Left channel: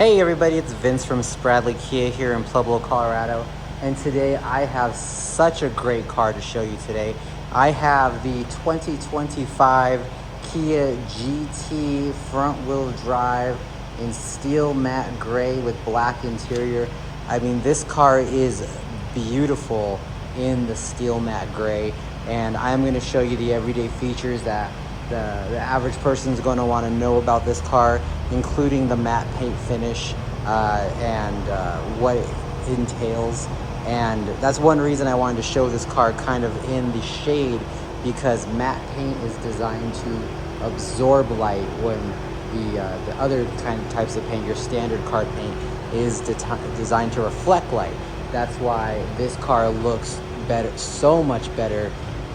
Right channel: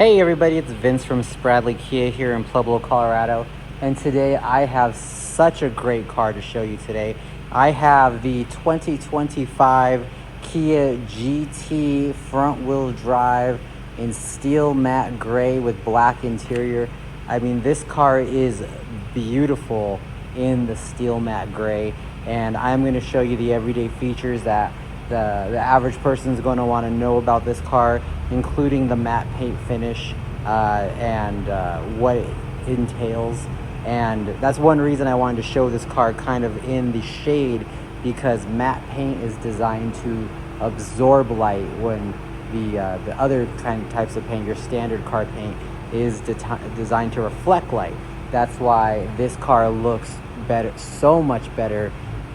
Hey everybody, it's Vince from Spradley Kia here in Pueblo, Colorado. And today I have such a great car to show you today. I have the 2025 Kia GT front wheel drive in steel matte gray with black interior. I mean, this car is beautiful in the steel matte gray. And I'm going to show you the everyday features that the average person is going to want to know about this car, including the matte paint finish and what it entails. And that's one reason I wanted to show this car kind of in the shade, because matte paint is designed to absorb light when the other kind of types of paint, your standard car paint, is designed to reflect light. That's why this car looks better, so much better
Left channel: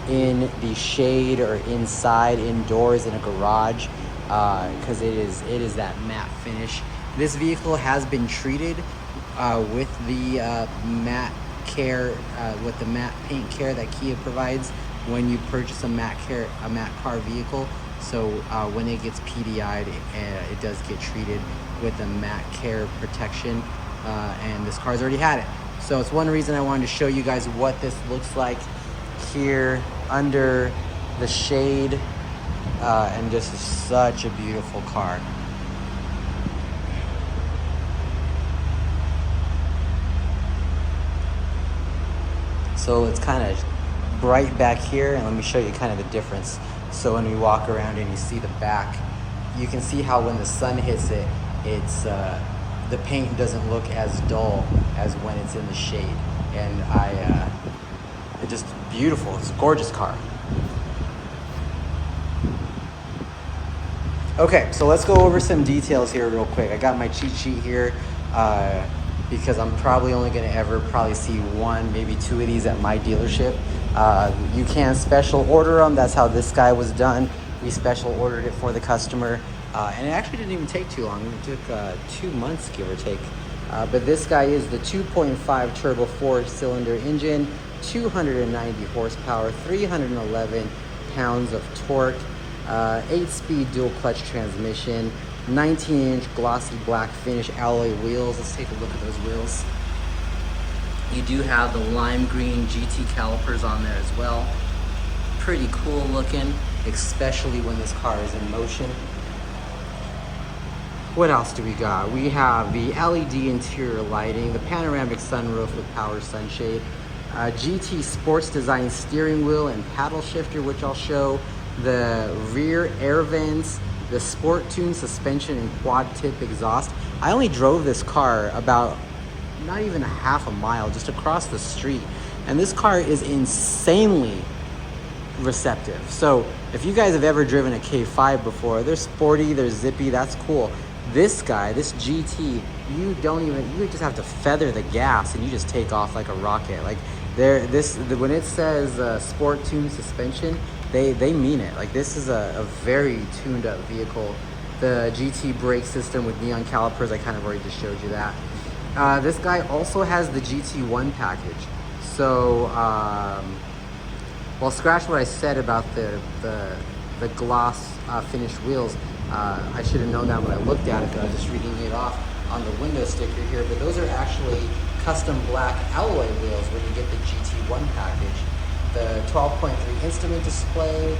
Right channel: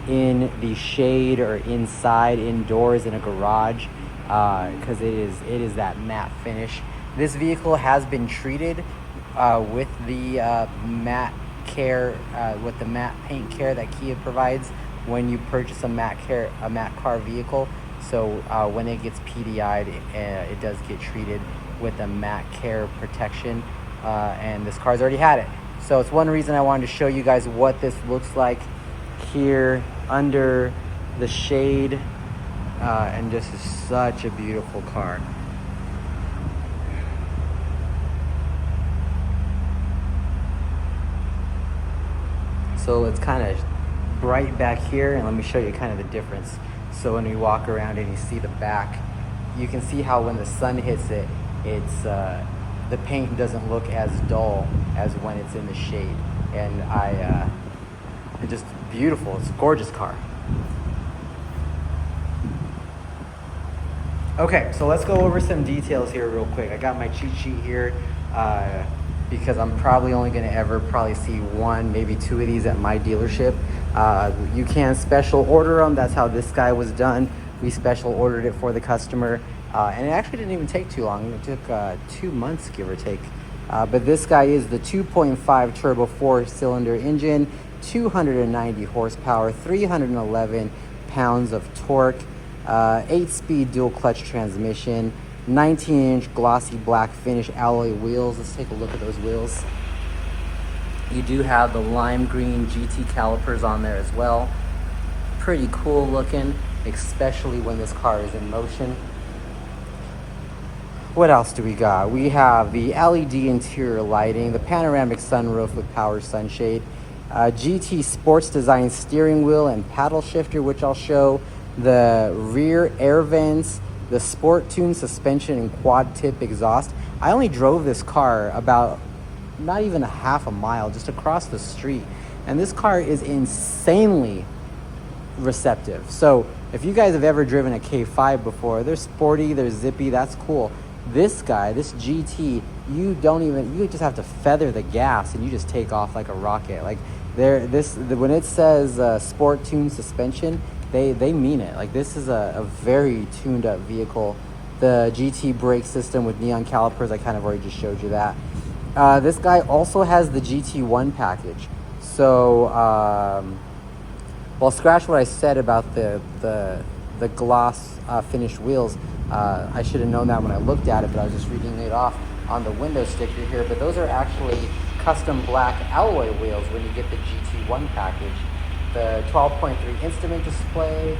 in the shade or inside, indoors in a garage, because it is that matte finish. This vehicle has been treated with the matte care, with the matte paint care that Kia provides when you purchase a matte car vehicle. So when it gets PDI'd, it does get treated with the matte care protection, and this car's already had it. So it's one reason I wanted to show you guys what this looks like here under the shade, and this is such a beautiful car. So it's kind of bright back here, and let me show you kind of the difference. So when we walk around and you see the back, you can see how when the sun hits it, it's the paint doesn't look as dull as when it's in the shade. And it's just beautiful. It's a gorgeous car. Okay, so let's go over some details here real quick. I got my cheat sheet here because I'm probably only going to ever see one, maybe two of these at my dealership. You can special order them. That's how this guy was done. We special ordered it for the customer, and it actually didn't even take too long. It took 2 months, give or take. But this guy is the 2.5 turbo 4-cylinder engine, 290 horsepower, 311 pounds of torque, 8-speed dual clutch transmission, 19-inch glossy black finish alloy wheels. Let's take a look at those wheels. You do have the lime green GT calipers on there as well. Pretty cool looking, especially when this car is in motion. What else do we got? We have the LED interior lighting, the panoramic sunroof with power sunshade, GT sports design steering wheel and paddle shifter, which I'll show, the rear air vents, the sport tune suspension and quad tip exhaust. I only drove this car about not even a half a mile, just across the street, and this car is insanely receptive. So if you guys have ever driven a K5 before, they're sporty, they're zippy, that's cool. This guy, this GT, you just have to feather the gas and you just take off like a rocket. Like when it says sport tune suspension, they mean it. Like, this is a very tuned up vehicle. The GT brake system with neon calipers, I kind of already just showed you that. This guy also has the GT1 package. So well, scratch what I said about the gloss finish wheels. I should have known that when I looked at it, but I was just reading it off on the window sticker here. But those are actually custom black alloy wheels when you get the GT1 package. The 12.3 instrument display,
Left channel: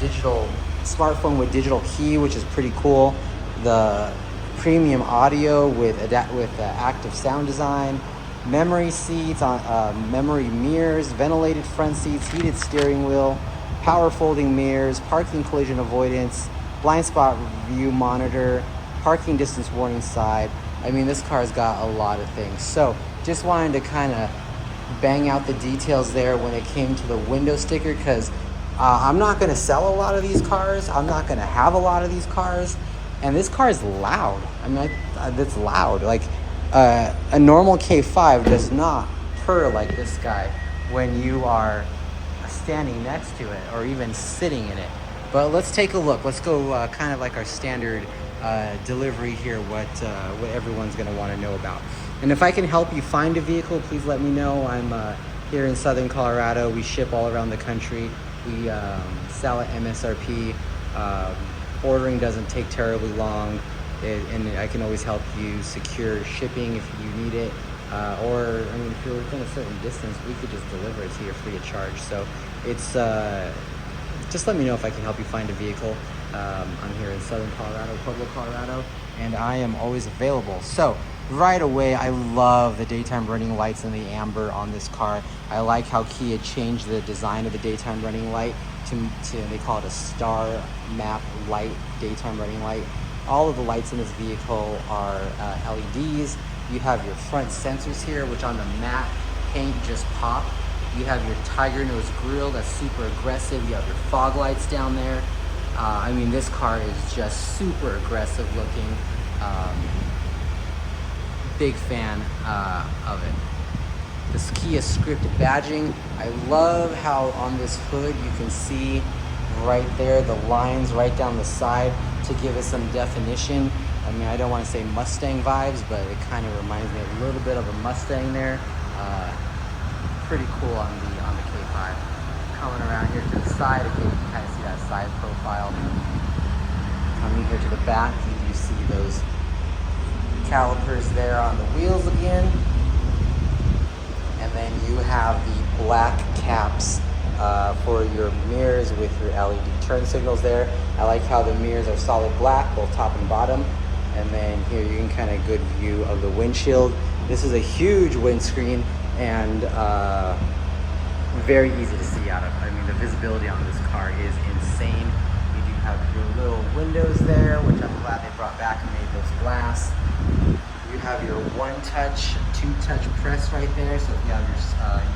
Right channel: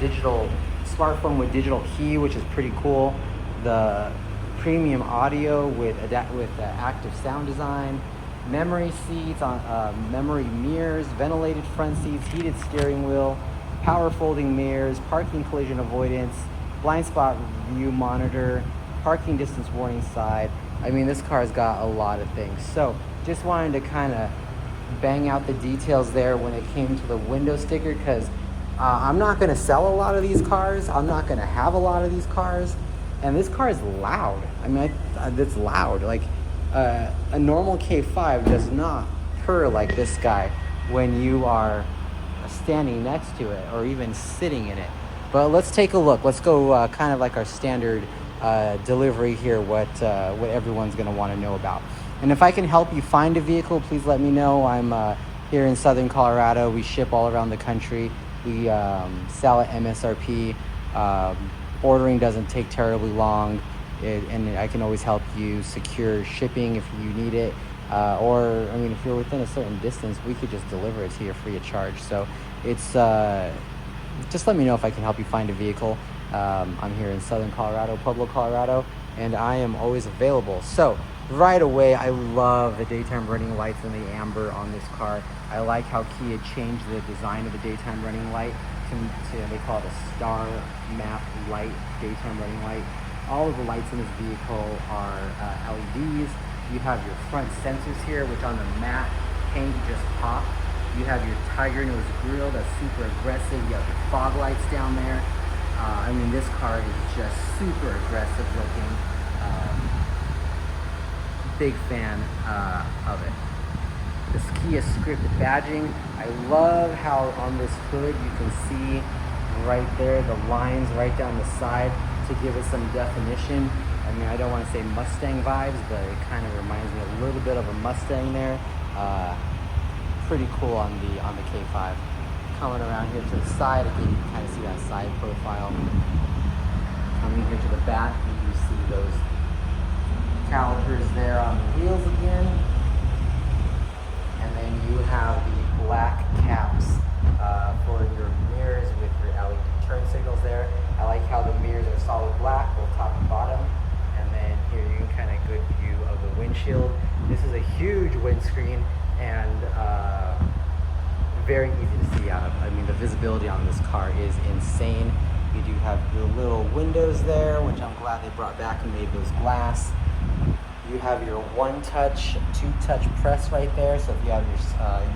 digital smartphone with digital key, which is pretty cool. The premium audio with active sound design, memory seats, memory mirrors, ventilated front seats, heated steering wheel, power folding mirrors, parking collision avoidance, blind spot view monitor, parking distance warning side. I mean, this car's got a lot of things. So just wanted to kind of bang out the details there when it came to the window sticker, because I'm not going to sell a lot of these cars. I'm not going to have a lot of these cars. And this car is loud. I mean, it's loud. Like, a normal K5 does not purr like this guy when you are standing next to it or even sitting in it. But let's take a look. Let's go kind of like our standard delivery here, what everyone's going to want to know about. And if I can help you find a vehicle, please let me know. I'm here in Southern Colorado. We ship all around the country. We sell at MSRP. Ordering doesn't take terribly long. and I can always help you secure shipping if you need it. Or, I mean, if you're within a certain distance, we could just deliver it to you free of charge. So it's, just let me know if I can help you find a vehicle. I'm here in Southern Colorado, Pueblo, Colorado, and I am always available. So right away, I love the daytime running lights and the amber on this car. I like how Kia changed the design of the daytime running light to they call it a star map light, daytime running light. All of the lights in this vehicle are LEDs. You have your front sensors here, which on the matte paint just pop. You have your tiger nose grille that's super aggressive. You have your fog lights down there. I mean, this car is just super aggressive looking. Big fan of it. This Kia script badging. I love how on this hood you can see right there the lines right down the side to give it some definition. I mean, I don't want to say Mustang vibes, but it kind of reminds me a little bit of a Mustang there. Pretty cool on the K5. Coming around here to the side, again, you can kind of see that side profile. Coming here to the back, you do see those calipers there on the wheels again. And then you have the black caps for your mirrors with your LED turn signals there. I like how the mirrors are solid black, both top and bottom. And then here you can kind of good view of the windshield. This is a huge windscreen and very easy to see out of. I mean, the visibility on this car is insane. You do have your little windows there, which I'm glad they brought back and made those glass. You have your one-touch, two-touch press right there. So if you have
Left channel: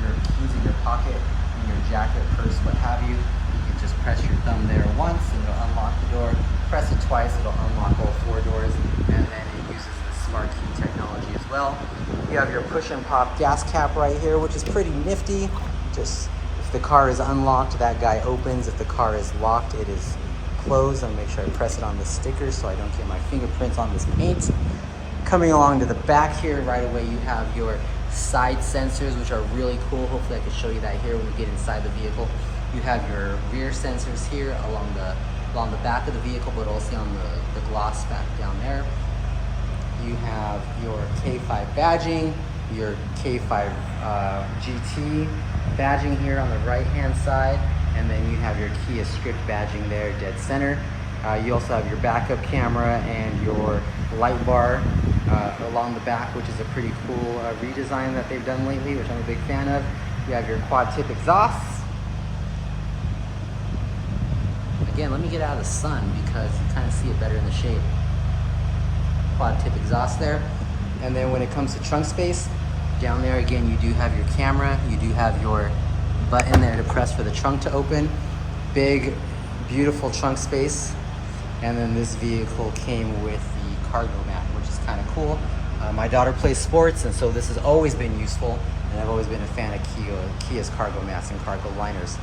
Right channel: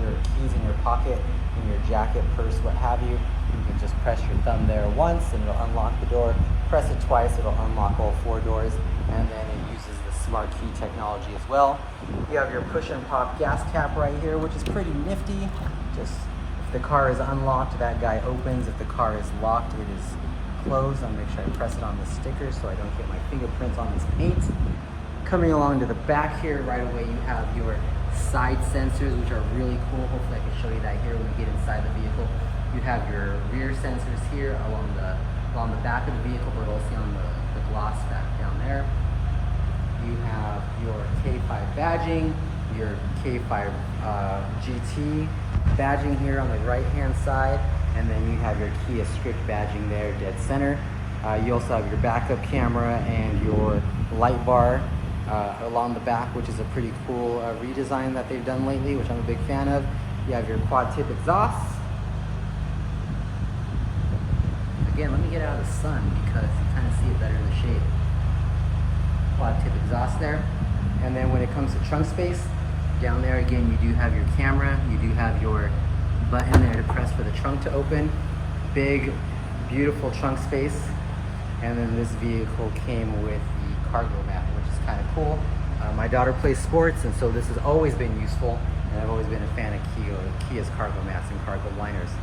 your keys in your pocket, in your jacket, purse, what have you, you can just press your thumb there once and it'll unlock the door. Press it twice, it'll unlock all 4 doors, and then it uses the smart key technology as well. You have your push and pop gas cap right here, which is pretty nifty. Just if the car is unlocked, that guy opens. If the car is locked, it is closed. I'm gonna make sure I press it on the sticker so I don't get my fingerprints on this paint. Coming along to the back here, right away you have your side sensors, which are really cool. Hopefully I can show you that here when we get inside the vehicle. You have your rear sensors here along the back of the vehicle, but also on the gloss back down there. You have your K5 badging, your K5 GT badging here on the right hand side, and then you have your Kia script badging there dead center. You also have your backup camera and your light bar along the back, which is a pretty cool redesign that they've done lately, which I'm a big fan of. You have your quad tip exhausts. Again, let me get out of the sun because you kind of see it better in the shade. Quad tip exhaust there. And then when it comes to trunk space, down there again, you do have your camera. You do have your button there to press for the trunk to open. Big, beautiful trunk space. And then this vehicle came with the cargo mat, which is kind of cool. My daughter plays sports, and so this has always been useful. And I've always been a fan of Kia's cargo mats and cargo liners.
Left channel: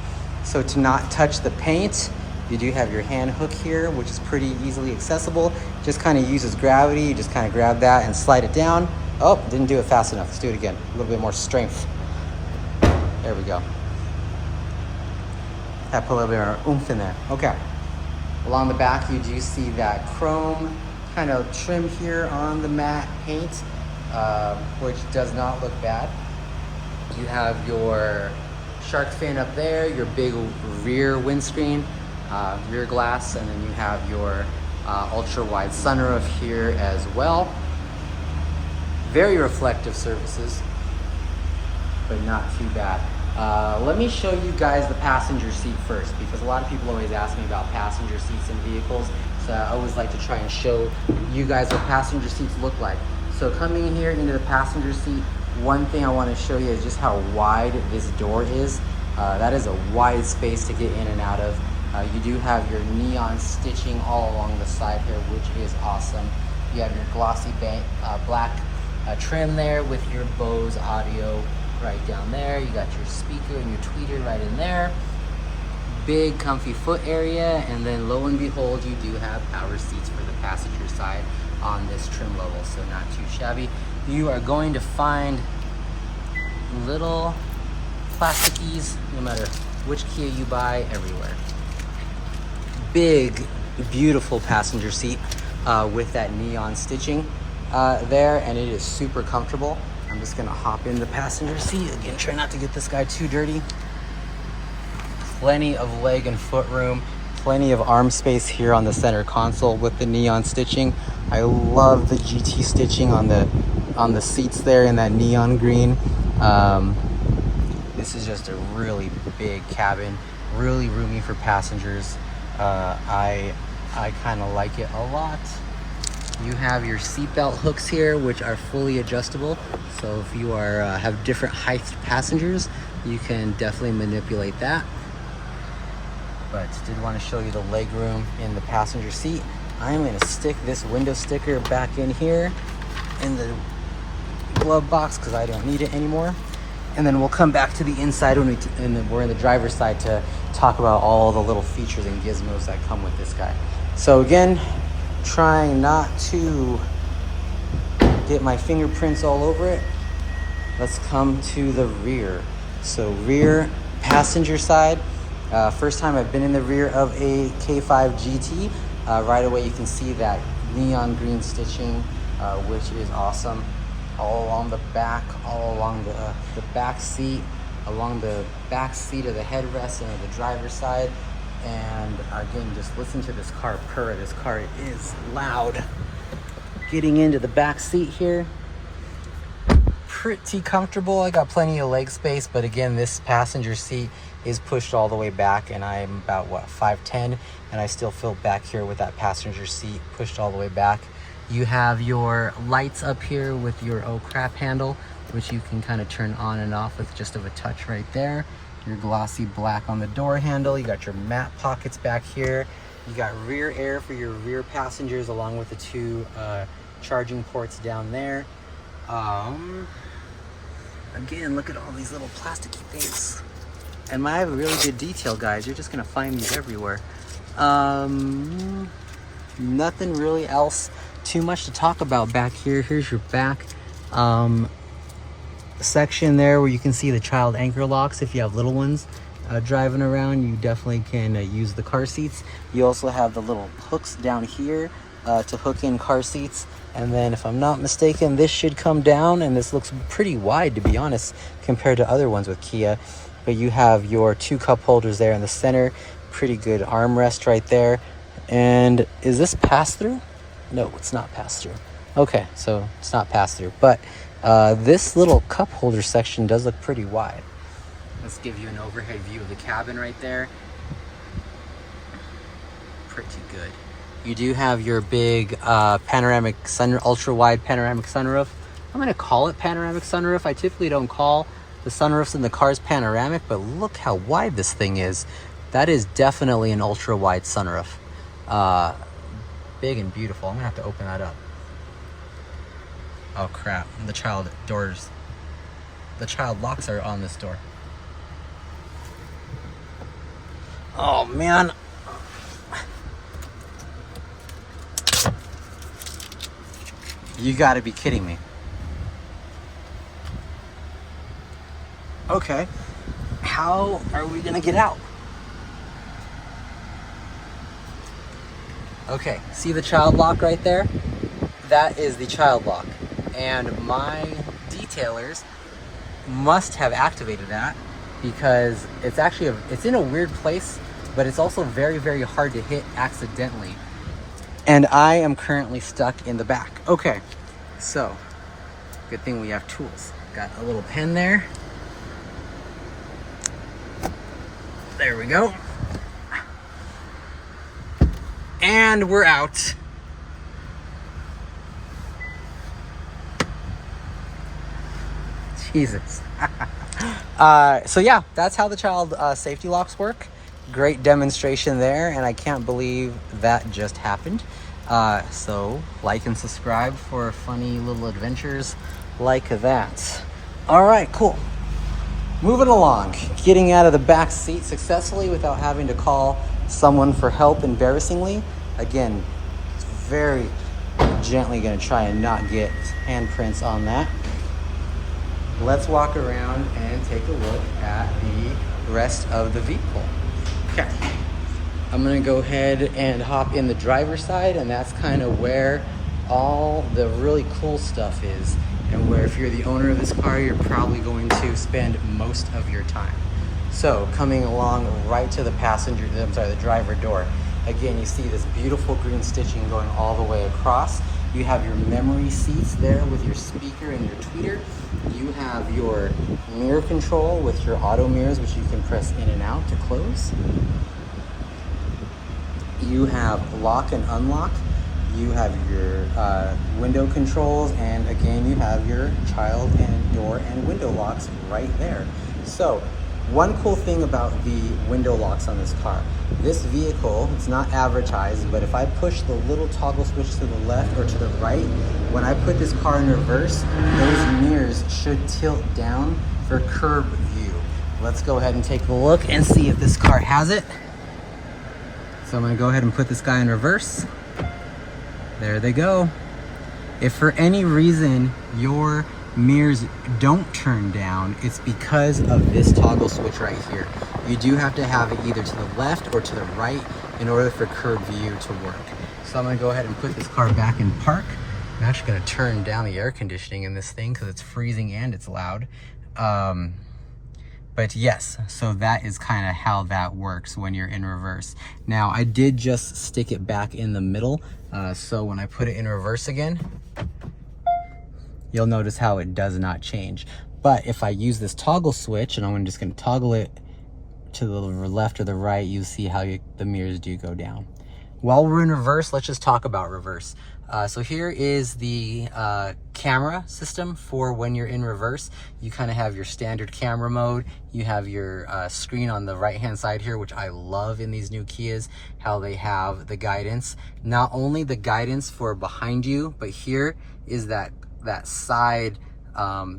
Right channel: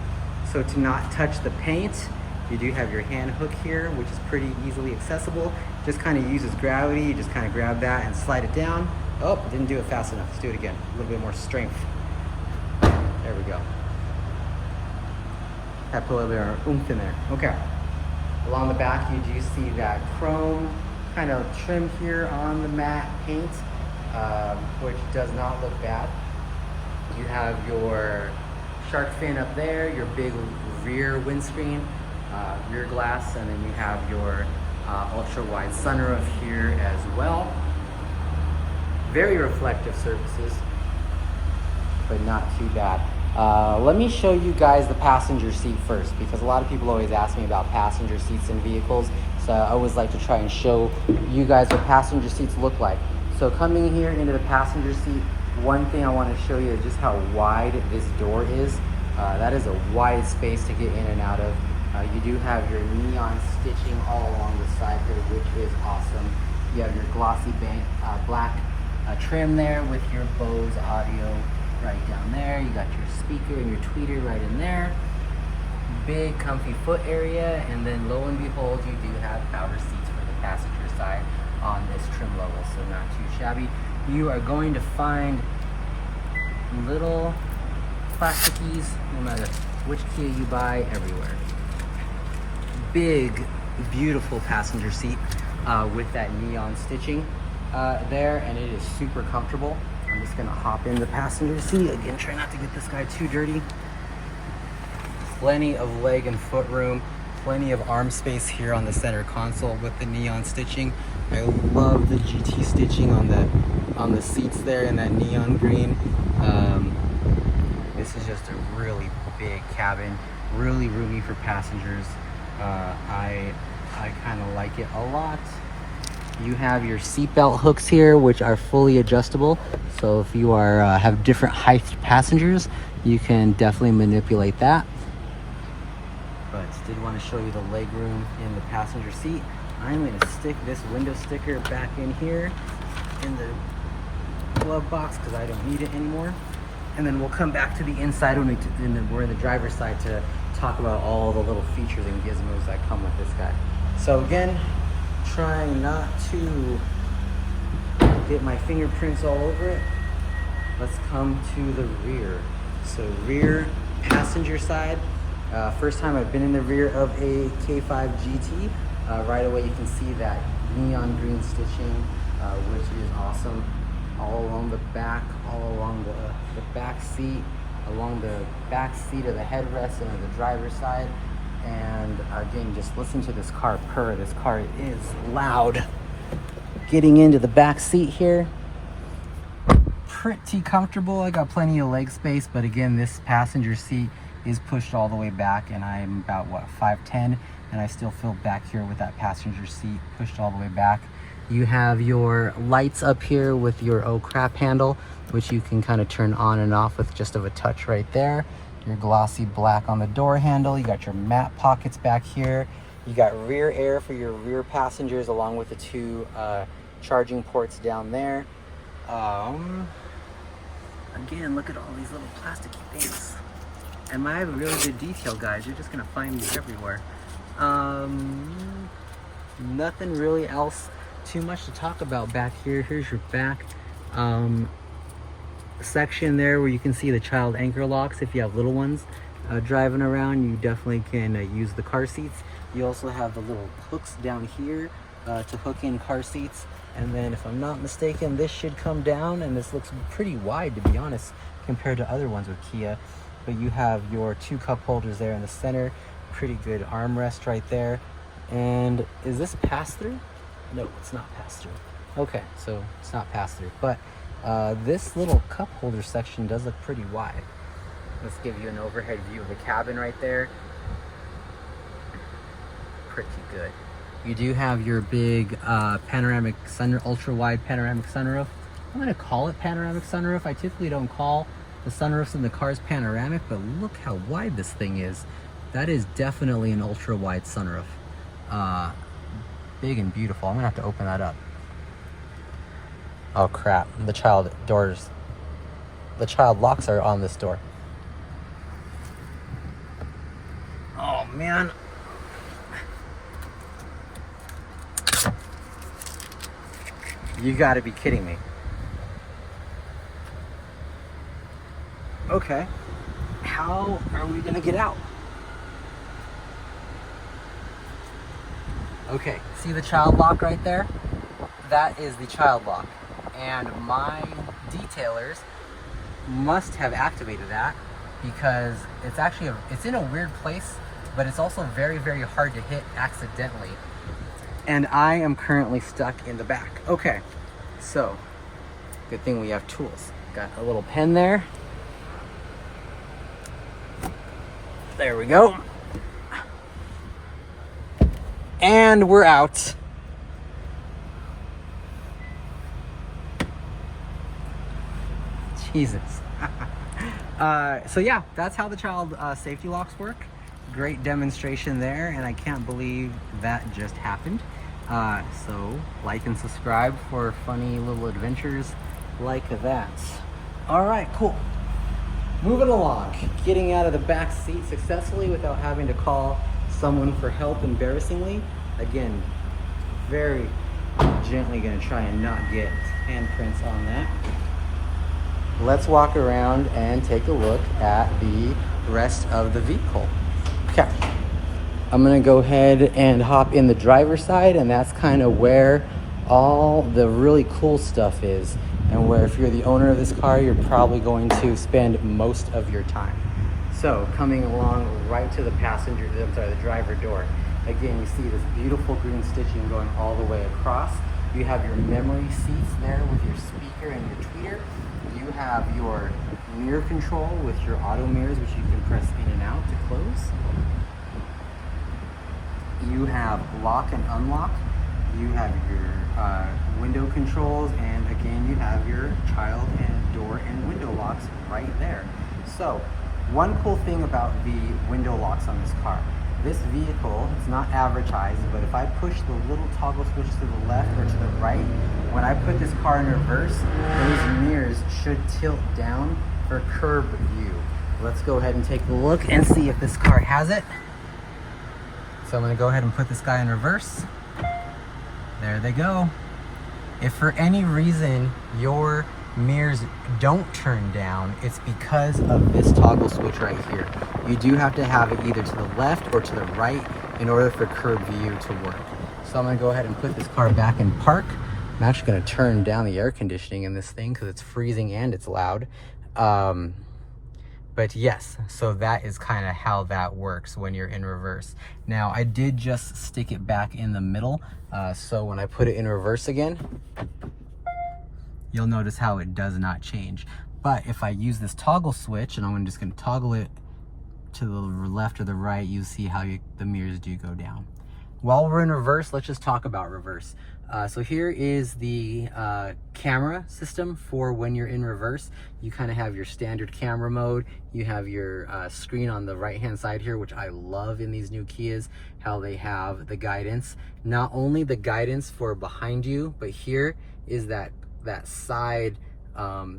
So to not touch the paint, you do have your hand hook here, which is pretty easily accessible. Just kind of uses gravity. You just kind of grab that and slide it down. Oh, didn't do it fast enough. Let's do it again. A little bit more strength. There we go. That put a little bit of oomph in there. Okay. Along the back, you do see that chrome kind of trim here on the matte paint, which does not look bad. You have your shark fin up there, your big rear windscreen, rear glass, and then you have your ultra wide sunroof here as well. Very reflective surfaces, but not too bad. Let me show you guys the passenger seat first, because a lot of people always ask me about passenger seats in vehicles. So I always like to try and show you guys what passenger seats look like. So coming here into the passenger seat, one thing I want to show you is just how wide this door is. That is a wide space to get in and out of. You do have your neon stitching all along the side here, which is awesome. You have your glossy black trim there with your Bose audio right down there. You got your speaker and your tweeter right in there. Big comfy foot area, and then lo and behold, you do have power seats for the passenger side on this trim level, so not too shabby. You are going to find little plasticies, no matter which Kia you buy, everywhere. Big, beautiful passenger seat. with that neon stitching there, and it is super comfortable. I'm just gonna hop in the passenger seat. Again, try not to get this guy too dirty. Plenty of leg and foot room, plenty of arm space here on the center console with the neon stitching. I love the GT stitching on the seats there in that neon green. This is just a really big cabin, really roomy for passengers. I kind of like it a lot. You have your seatbelt hooks here, which are fully adjustable. So if you are have different height passengers, you can definitely manipulate that. But did want to show you the leg room in the passenger seat. I'm going to stick this window sticker back in here in the glove box because I don't need it anymore. And then we'll come back to the inside when we're in the driver's side to talk about all the little features and gizmos that come with this guy. So again, trying not to get my fingerprints all over it. Let's come to the rear. So rear passenger side. First time I've been in the rear of a K5 GT. Right away you can see that neon green stitching, which is awesome. All along the back, all along the back seat, along the back seat of the headrest and of the driver's side. And again, just listen to this car purr. This car is loud. Getting into the back seat here, pretty comfortable. I got plenty of leg space, but again, this passenger seat is pushed all the way back, and I'm about, what, 5'10", and I still feel back here with that passenger seat pushed all the way back. You have your lights up here with your oh crap handle, which you can kind of turn on and off with just of a touch right there. Your glossy black on the door handle. You got your matte pockets back here. You got rear air for your rear passengers, along with the two charging ports down there. Again, look at all these little plasticky things. And I have a really good detail, guys. You're just gonna find these everywhere. Nothing really else too much to talk about back here. Here's your back section there where you can see the child anchor locks. If you have little ones driving around, you definitely can use the car seats. You also have the little hooks down here to hook in car seats. And then if I'm not mistaken, this should come down, and this looks pretty wide, to be honest, compared to other ones with Kia. But you have your two cup holders there in the center. Pretty good armrest right there. And is this pass-through? No, it's not pass-through. Okay, so it's not pass-through. But this little cup holder section does look pretty wide. Let's give you an overhead view of the cabin right there. Pretty good. You do have your big panoramic ultra-wide panoramic sunroof. I'm gonna call it panoramic sunroof. I typically don't call the sunroofs in the cars panoramic, but look how wide this thing is. That is definitely an ultra-wide sunroof. Big and beautiful. I'm gonna have to open that up. Oh crap, the child locks are on this door. Oh man. You gotta be kidding me. Okay, how are we gonna get out? Okay, see the child lock right there? That is the child lock. And my detailers must have activated that because it's actually, it's in a weird place, but it's also very, very hard to hit accidentally. And I am currently stuck in the back. Okay, so good thing we have tools. Got a little pen there. There we go. And we're out. Jesus. So yeah, that's how the child safety locks work. Great demonstration there, and I can't believe that just happened. So like and subscribe for funny little adventures like that. All right, cool. Moving along, getting out of the back seat successfully without having to call someone for help embarrassingly. Again, very gently gonna try and not get handprints on that. Let's walk around and take a look at the rest of the vehicle. Okay. I'm gonna go ahead and hop in the driver's side, and that's kind of where all the really cool stuff is, and where if you're the owner of this car, you're probably going to spend most of your time. So coming along right to the the driver door. Again, you see this beautiful green stitching going all the way across. You have your memory seats there with your speaker and your tweeter. You have your mirror control with your auto mirrors, which you can press in and out to close. You have lock and unlock. You have your window controls, and again, you have your child and door and window locks right there. So one cool thing about the window locks on this car, this vehicle, it's not advertised, but if I push the little toggle switch to the left or to the right, when I put this car in reverse, those mirrors should tilt down for curb view. Let's go ahead and take a look and see if this car has it. So I'm gonna go ahead and put this guy in reverse. There they go. If for any reason your mirrors don't turn down, it's because of this toggle switch right here. You do have to have it either to the left or to the right in order for curb view to work. So I'm gonna go ahead and put this car back in park. I'm actually gonna turn down the air conditioning in this thing because it's freezing and it's loud. But yes, so that is kind of how that works when you're in reverse. Now, I did just stick it back in the middle. So when I put it in reverse again, you'll notice how it does not change. But if I use this toggle switch, and I'm just gonna toggle it to the left or the right, you see how the mirrors do go down. While we're in reverse, let's just talk about reverse. So here is the camera system for when you're in reverse. You kind of have your standard camera mode. You have your screen on the right-hand side here, which I love in these new Kias, how they have the guidance. Not only the guidance for behind you, but here is that side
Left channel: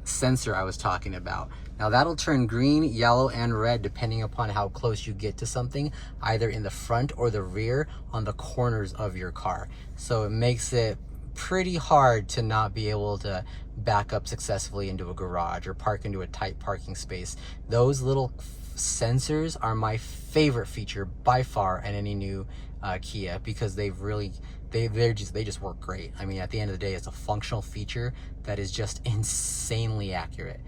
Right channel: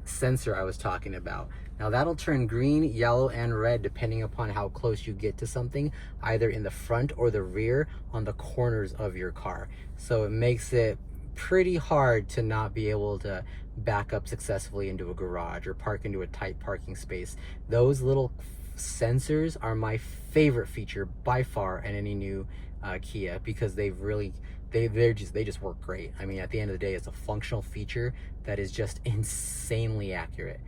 sensor I was talking about. Now that'll turn green, yellow, and red depending upon how close you get to something, either in the front or the rear on the corners of your car. So it makes it pretty hard to not be able to back up successfully into a garage or park into a tight parking space. Those little sensors are my favorite feature by far in any new Kia, because they just work great. I mean, at the end of the day, it's a functional feature that is just insanely accurate.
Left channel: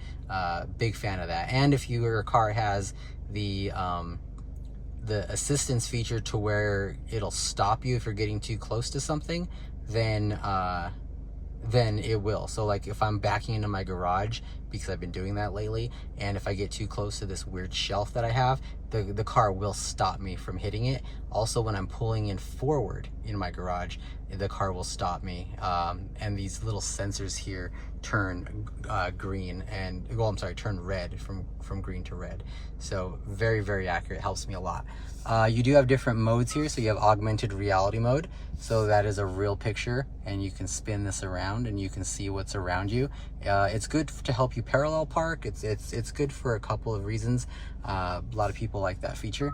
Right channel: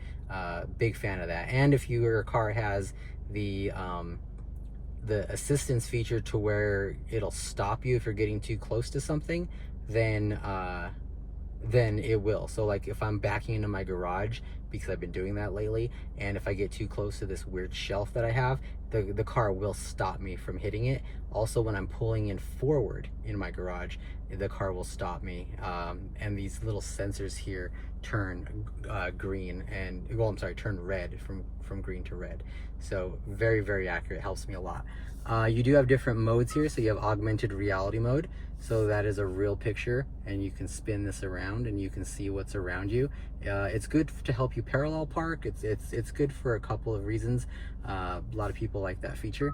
Big fan of that. And if your car has the assistance feature to where it'll stop you if you're getting too close to something, then it will. So like if I'm backing into my garage, because I've been doing that lately, and if I get too close to this weird shelf that I have, the car will stop me from hitting it. Also, when I'm pulling in forward in my garage, the car will stop me. And these little sensors here turn green and, well, I'm sorry, turn red from green to red. So very, very accurate, helps me a lot. You do have different modes here. So you have augmented reality mode. So that is a real picture, and you can spin this around and you can see what's around you. It's good to help you parallel park. It's good for a couple of reasons. A lot of people like that feature.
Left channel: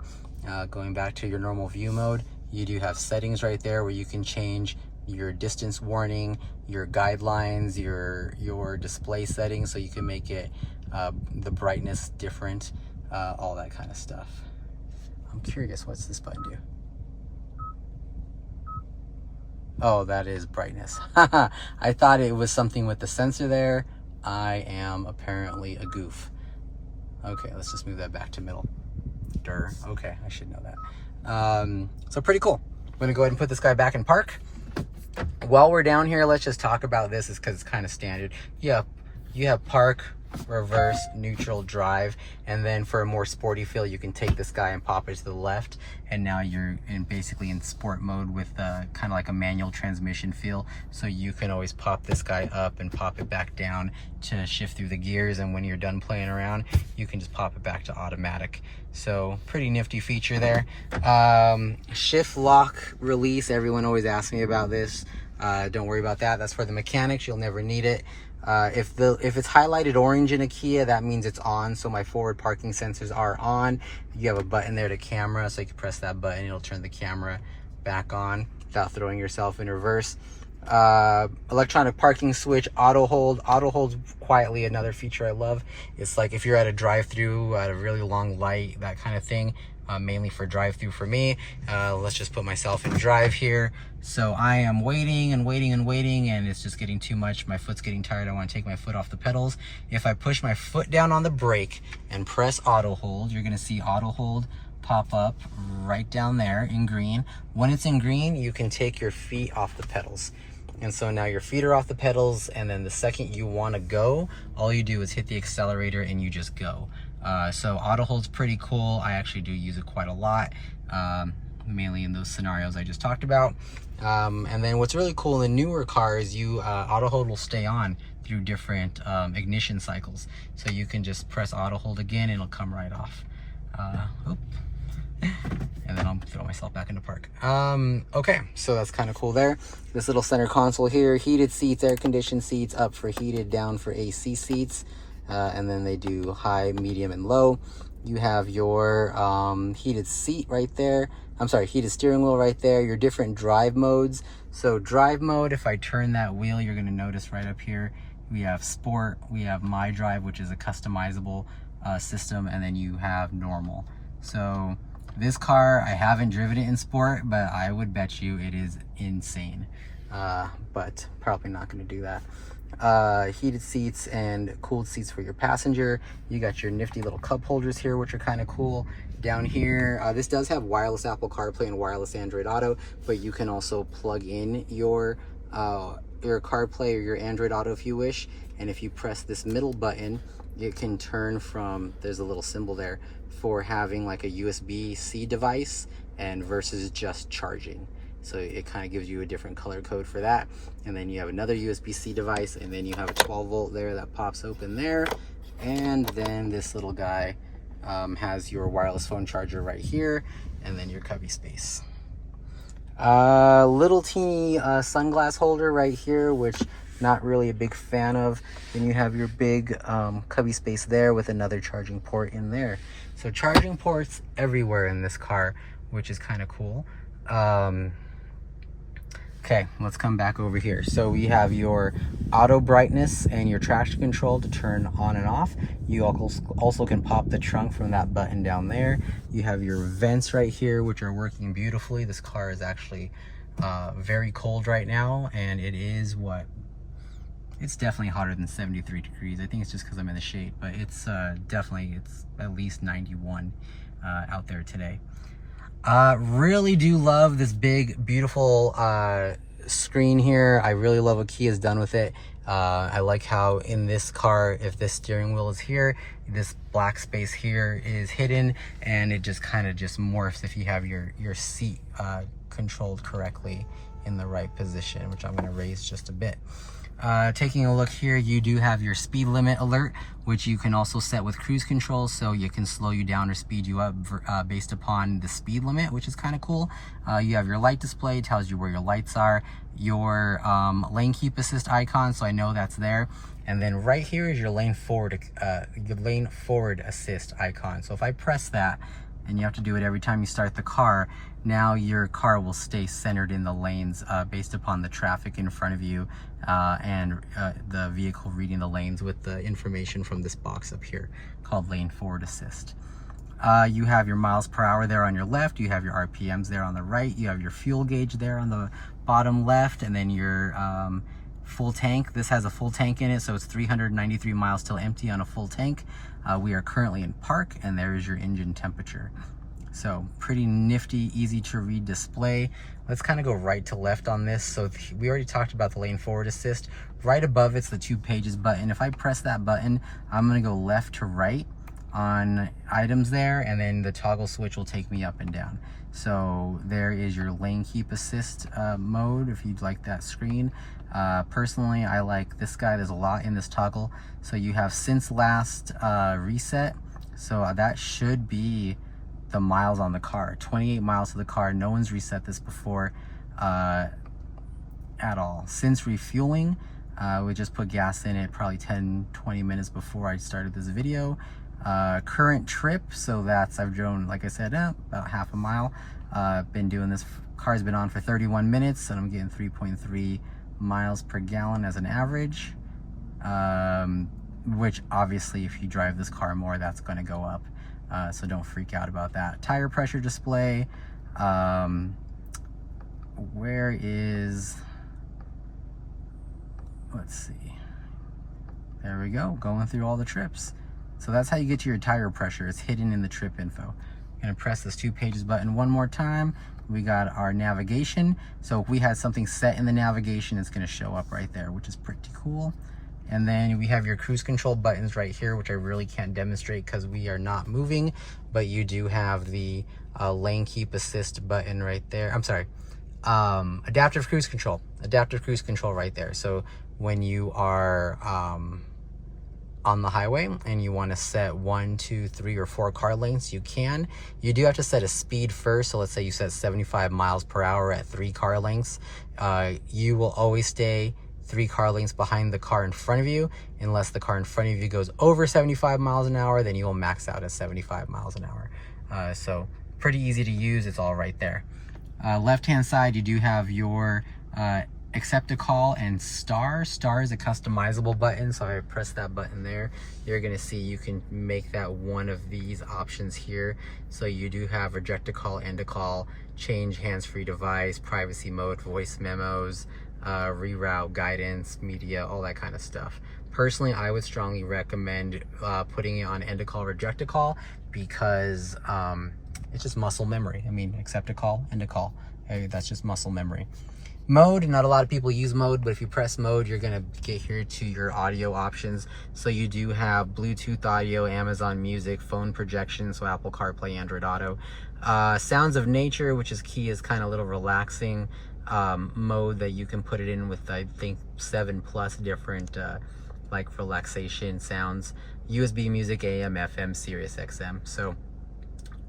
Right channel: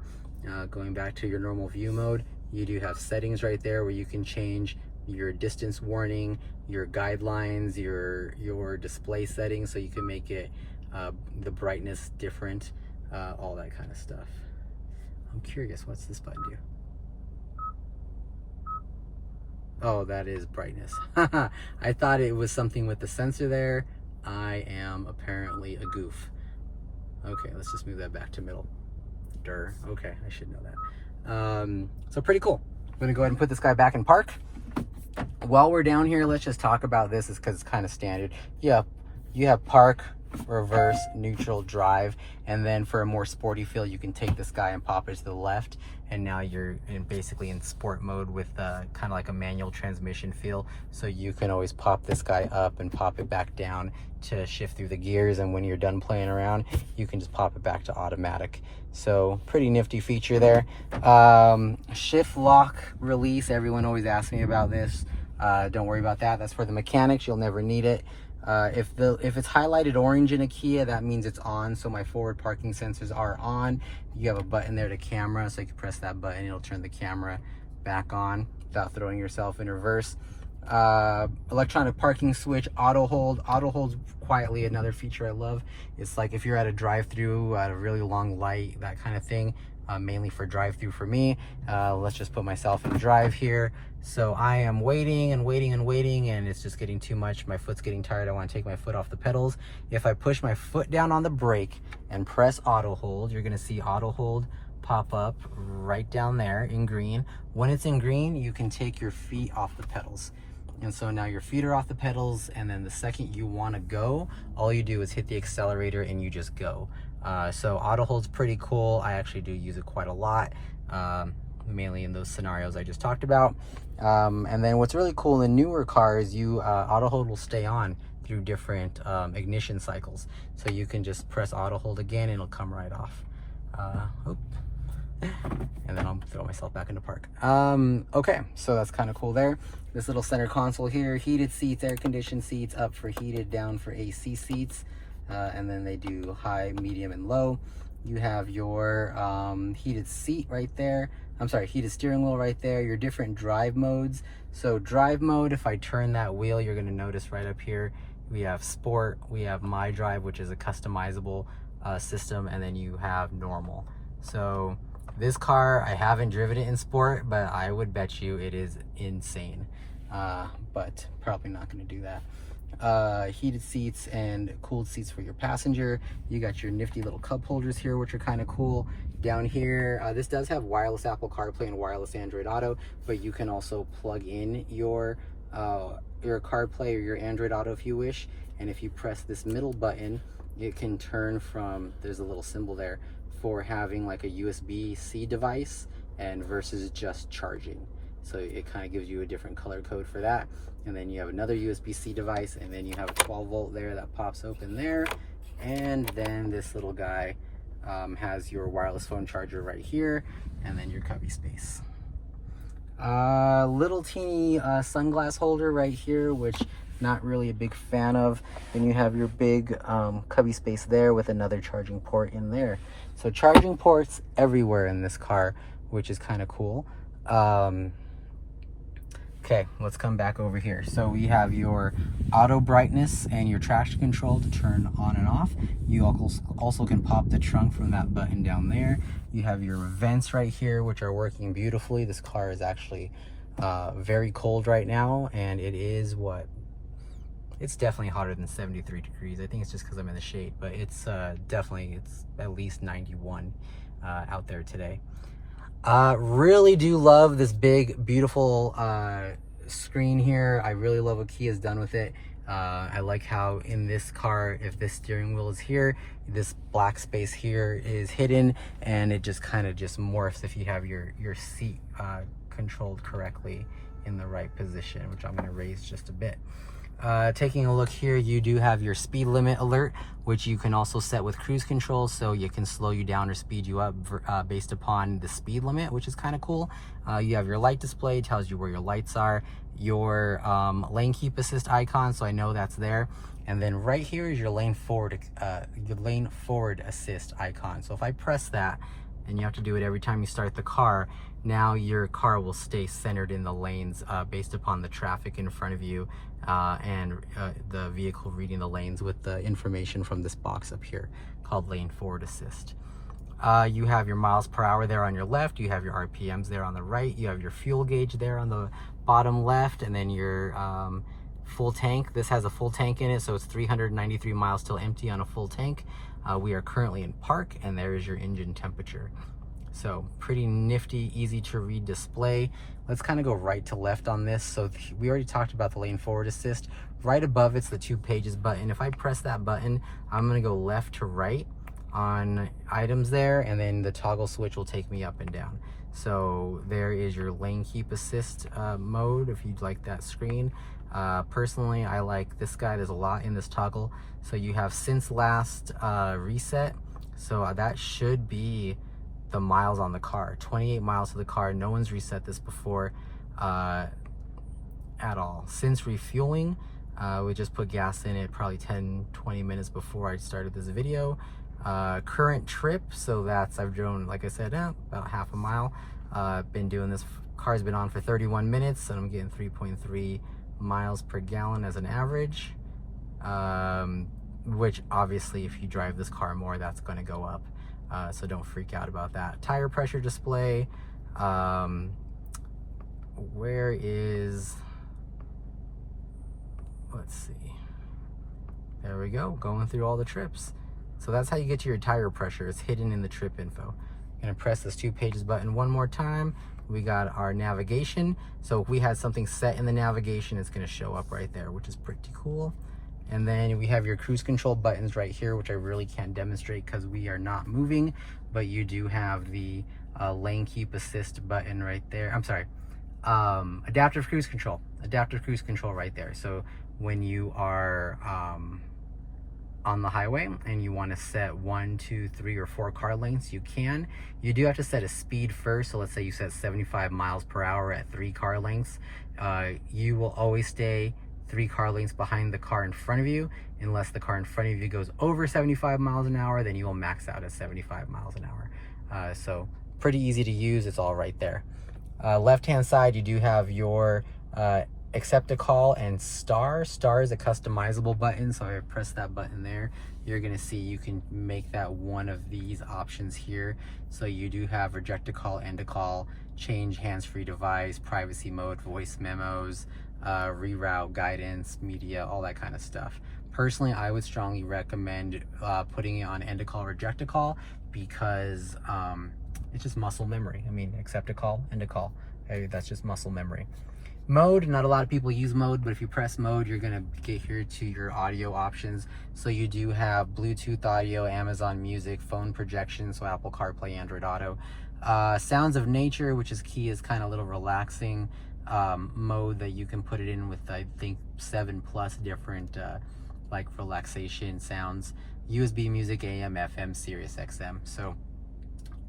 Going back to your normal view mode, you do have settings right there where you can change your distance warning, your guidelines, your display settings, so you can make it the brightness different, all that kind of stuff. I'm curious, what's this button do? Oh, that is brightness. I thought it was something with the sensor there. I am apparently a goof. Okay, let's just move that back to middle. Durr. Okay, I should know that. So pretty cool. I'm gonna go ahead and put this guy back in park. While we're down here, let's just talk about this, because it's kind of standard. Yeah, you have park, reverse, neutral, drive, and then for a more sporty feel, you can take this guy and pop it to the left, and now you're basically in sport mode with kind of like a manual transmission feel. So you can always pop this guy up and pop it back down to shift through the gears, and when you're done playing around, you can just pop it back to automatic. So pretty nifty feature there. Shift lock release, everyone always asks me about this. Don't worry about that. That's for the mechanics. You'll never need it. If it's highlighted orange in a Kia, that means it's on. So my forward parking sensors are on. You have a button there to camera, so you can press that button. It'll turn the camera back on without throwing yourself in reverse. Electronic parking switch, auto hold. Auto holds quietly another feature I love. It's like if you're at a drive-through at a really long light, that kind of thing, mainly for drive-through for me. Let's just put myself in drive here. So I am waiting and waiting and waiting, and it's just getting too much. My foot's getting tired. I want to take my foot off the pedals. If I push my foot down on the brake and press auto hold, you're going to see auto hold pop up right down there in green. When it's in green, you can take your feet off the pedals. And so now your feet are off the pedals, and then the second you want to go, all you do is hit the accelerator and you just go. So auto hold's pretty cool. I actually do use it quite a lot, mainly in those scenarios I just talked about. And then what's really cool in the newer cars, auto hold will stay on through different ignition cycles. So you can just press auto hold again and it'll come right off. And then I'll throw myself back into park. Okay, so that's kind of cool there. This little center console here, heated seats, air conditioned seats, up for heated, down for AC seats. And then they do high, medium, and low. You have your heated seat right there. I'm sorry, heated steering wheel right there. Your different drive modes. So drive mode, if I turn that wheel, you're gonna notice right up here, we have sport, we have my drive, which is a customizable system, and then you have normal. So this car, I haven't driven it in sport, but I would bet you it is insane. But probably not gonna do that. Heated seats and cooled seats for your passenger. You got your nifty little cup holders here, which are kind of cool. Down here, this does have wireless Apple CarPlay and wireless Android Auto, but you can also plug in your CarPlay or your Android Auto if you wish. And if you press this middle button, it can turn from, there's a little symbol there, for having like a USB-C device and versus just charging. So it kind of gives you a different color code for that. And then you have another USB-C device, and then you have a 12 volt there that pops open there. And then this little guy has your wireless phone charger right here, and then your cubby space. Little teeny sunglass holder right here, which not really a big fan of. Then you have your big cubby space there with another charging port in there. So charging ports everywhere in this car, which is kind of cool. Okay, let's come back over here. So we have your auto brightness and your traction control to turn on and off. You also can pop the trunk from that button down there. You have your vents right here, which are working beautifully. This car is actually very cold right now, and it is it's definitely hotter than 73 degrees. I think it's just because I'm in the shade, but it's definitely, it's at least 91 out there today. Really do love this big, beautiful screen here. I really love what Kia's done with it. I like how in this car, if this steering wheel is here, this black space here is hidden, and it just kind of just morphs if you have your seat controlled correctly in the right position, which I'm going to raise just a bit. Taking a look here, you do have your speed limit alert, which you can also set with cruise control, so you can slow you down or speed you up based upon the speed limit, which is kind of cool. You have your light display, tells you where your lights are, your lane keep assist icon, so I know that's there. And then right here is your lane forward assist icon. So if I press that, and you have to do it every time you start the car, now your car will stay centered in the lanes based upon the traffic in front of you and the vehicle reading the lanes with the information from this box up here called Lane Forward Assist. You have your miles per hour there on your left, you have your RPMs there on the right, you have your fuel gauge there on the bottom left, and then your full tank. This has a full tank in it, so it's 393 miles till empty on a full tank. We are currently in park, and there is your engine temperature. So pretty nifty, easy to read display. Let's kind of go right to left on this. So we already talked about the lane forward assist. Right above it's the 2 pages button. If I press that button, I'm gonna go left to right on items there, and then the toggle switch will take me up and down. So there is your lane keep assist mode if you'd like that screen. Personally, I like this guy. There's a lot in this toggle. So you have since last reset. So that should be the miles on the car, 28 miles to the car. No one's reset this before at all. Since refueling, we just put gas in it probably 10-20 minutes before I started this video. Current trip, so that's, I've driven, like I said, about half a mile. Been doing this, car's been on for 31 minutes, and I'm getting 3.3 miles per gallon as an average. which obviously if you drive this car more, that's going to go up. So don't freak out about that. Tire pressure display. Where is, let's see. There we go, going through all the trips. So that's how you get to your tire pressure. It's hidden in the trip info. I'm gonna press this 2 pages button one more time. We got our navigation. So if we had something set in the navigation, it's gonna show up right there, which is pretty cool. And then we have your cruise control buttons right here, which I really can't demonstrate because we are not moving, but you do have the lane keep assist button right there. I'm sorry, adaptive cruise control right there. So when you are on the highway and you want to set 1, 2, 3, or 4 car lengths, you can. You do have to set a speed first. So let's say you set 75 miles per hour at 3 car lengths. You will always stay 3 car lengths behind the car in front of you. Unless the car in front of you goes over 75 miles an hour, then you will max out at 75 miles an hour. So pretty easy to use. It's all right there. Left hand side, you do have your accept a call and star. Star is a customizable button, so if I press that button there, you're gonna see you can make that one of these options here. So you do have reject a call, end a call, change hands-free device, privacy mode, voice memos, reroute, guidance, media, all that kind of stuff. Personally, I would strongly recommend putting it on end a call, reject a call, because it's just muscle memory. I mean, accept a call, end a call. That's just muscle memory. Mode, not a lot of people use mode, but if you press mode, you're gonna get here to your audio options. So you do have Bluetooth audio, Amazon Music, phone projection, so Apple CarPlay, Android Auto. Sounds of nature, which is key, is kind of a little relaxing mode that you can put it in with, I think, 7+ different like relaxation sounds. USB music, AM, FM, Sirius XM. So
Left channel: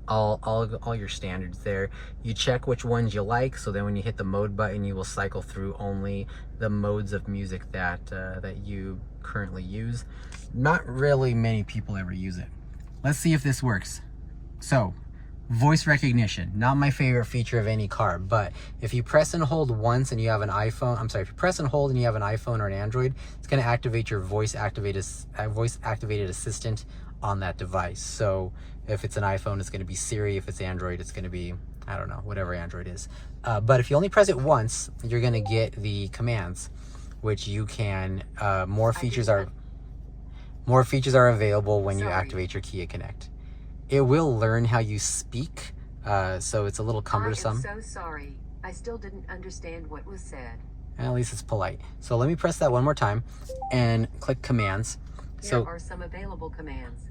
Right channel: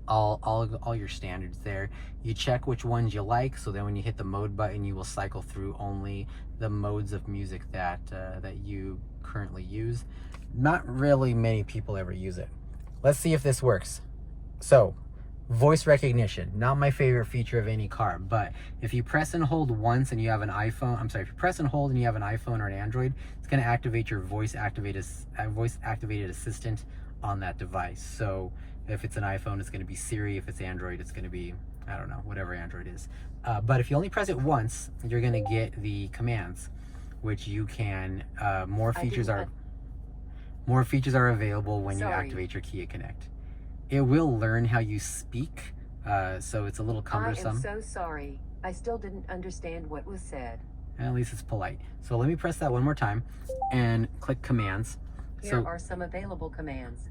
all your standards there. You check which ones you like, so then when you hit the mode button, you will cycle through only the modes of music that that you currently use. Not really many people ever use it. Let's see if this works. So voice recognition, not my favorite feature of any car, but if you press and hold once and you have an iPhone, if you press and hold and you have an iPhone or an Android, it's going to activate your voice activated assistant on that device. So if it's an iPhone, it's going to be Siri. If it's Android, it's going to be, I don't know, whatever Android is. But if you only press it once, you're going to get the commands, which you can, more features are available when you activate your Kia Connect. It will learn how you speak, so it's a little cumbersome. I am so sorry. I still didn't understand what was said. At least it's polite. So let me press that one more time and click commands. Here are some available commands.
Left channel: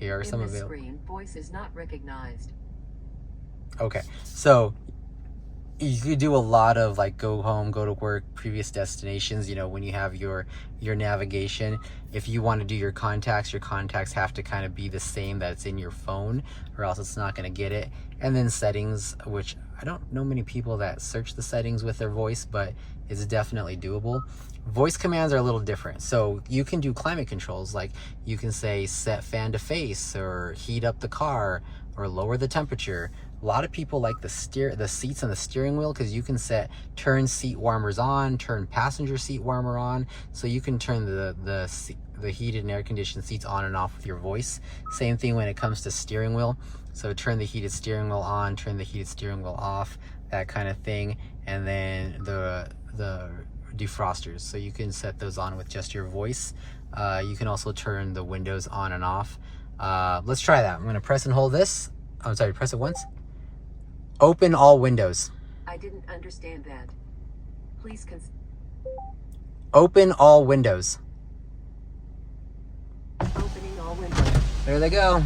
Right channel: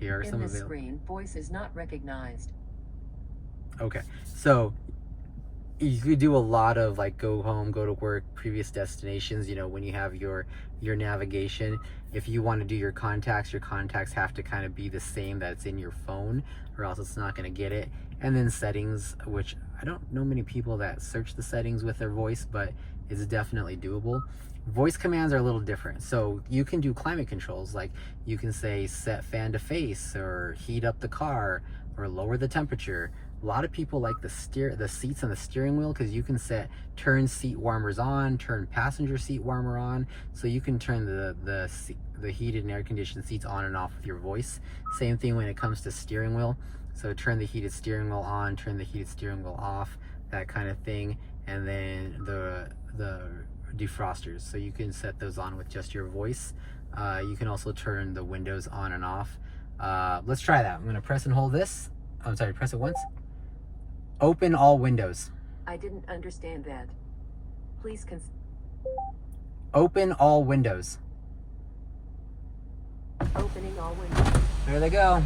Here are some available. In this screen, voice is not recognized. Okay, so you could do a lot of like go home, go to work, previous destinations, you know, when you have your navigation. If you want to do your contacts have to kind of be the same that it's in your phone, or else it's not going to get it. And then settings, which I don't know many people that search the settings with their voice, but it's definitely doable. Voice commands are a little different. So you can do climate controls, like you can say set fan to face, or heat up the car, or lower the temperature. A lot of people like the seats on the steering wheel, because you can set turn seat warmers on, turn passenger seat warmer on. So you can turn the heated and air conditioned seats on and off with your voice. Same thing when it comes to steering wheel. So turn the heated steering wheel on, turn the heated steering wheel off, that kind of thing. And then the defrosters, so you can set those on with just your voice. You can also turn the windows on and off. Let's try that. I'm going to press and hold this. I'm sorry, press it once. Open all windows. I didn't understand that. Please open all windows. Opening all windows. There they go.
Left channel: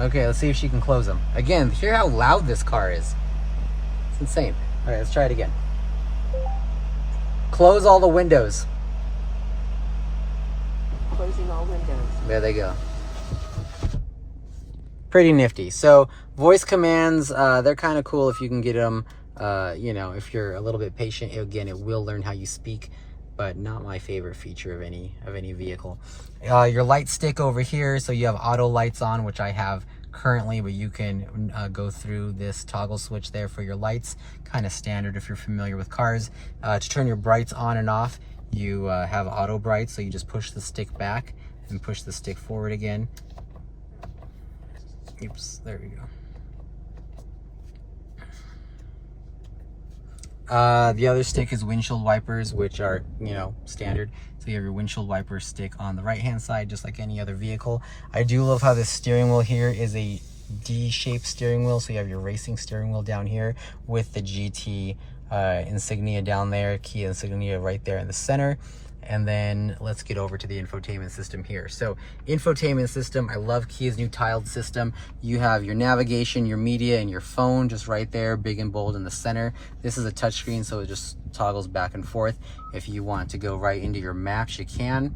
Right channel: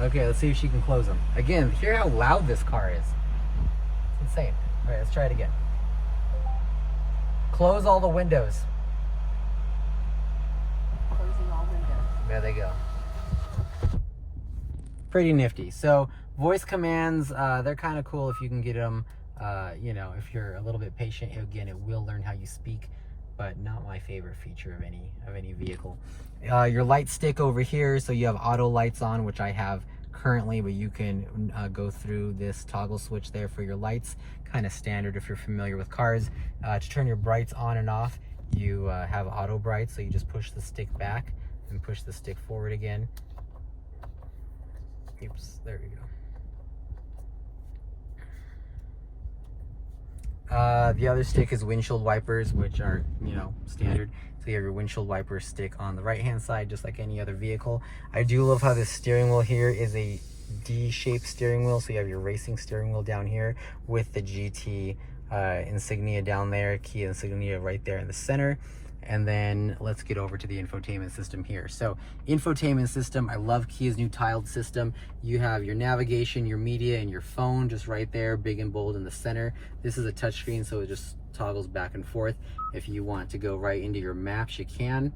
Okay, let's see if she can close them. Again, hear how loud this car is. It's insane. All right, let's try it again. Close all the windows. Closing all windows. There they go. Pretty nifty. So voice commands, they're kind of cool if you can get them. You know, if you're a little bit patient, again, it will learn how you speak, but not my favorite feature of any vehicle. Your light stick over here, so you have auto lights on, which I have currently, but you can go through this toggle switch there for your lights. Kind of standard if you're familiar with cars. To turn your brights on and off, you have auto brights, so you just push the stick back. and push the stick forward again. Oops, there we go. The other stick is windshield wipers, which are, you know, standard. So you have your windshield wiper stick on the right hand side, just like any other vehicle. I do love how this steering wheel here is a D-shaped steering wheel. So you have your racing steering wheel down here with the GT insignia down there, Kia insignia right there in the center. And then let's get over to the infotainment system here. So infotainment system, I love Kia's new tiled system. You have your navigation, your media, and your phone just right there, big and bold in the center. This is a touchscreen, so it just toggles back and forth. If you want to go right into your maps, you can.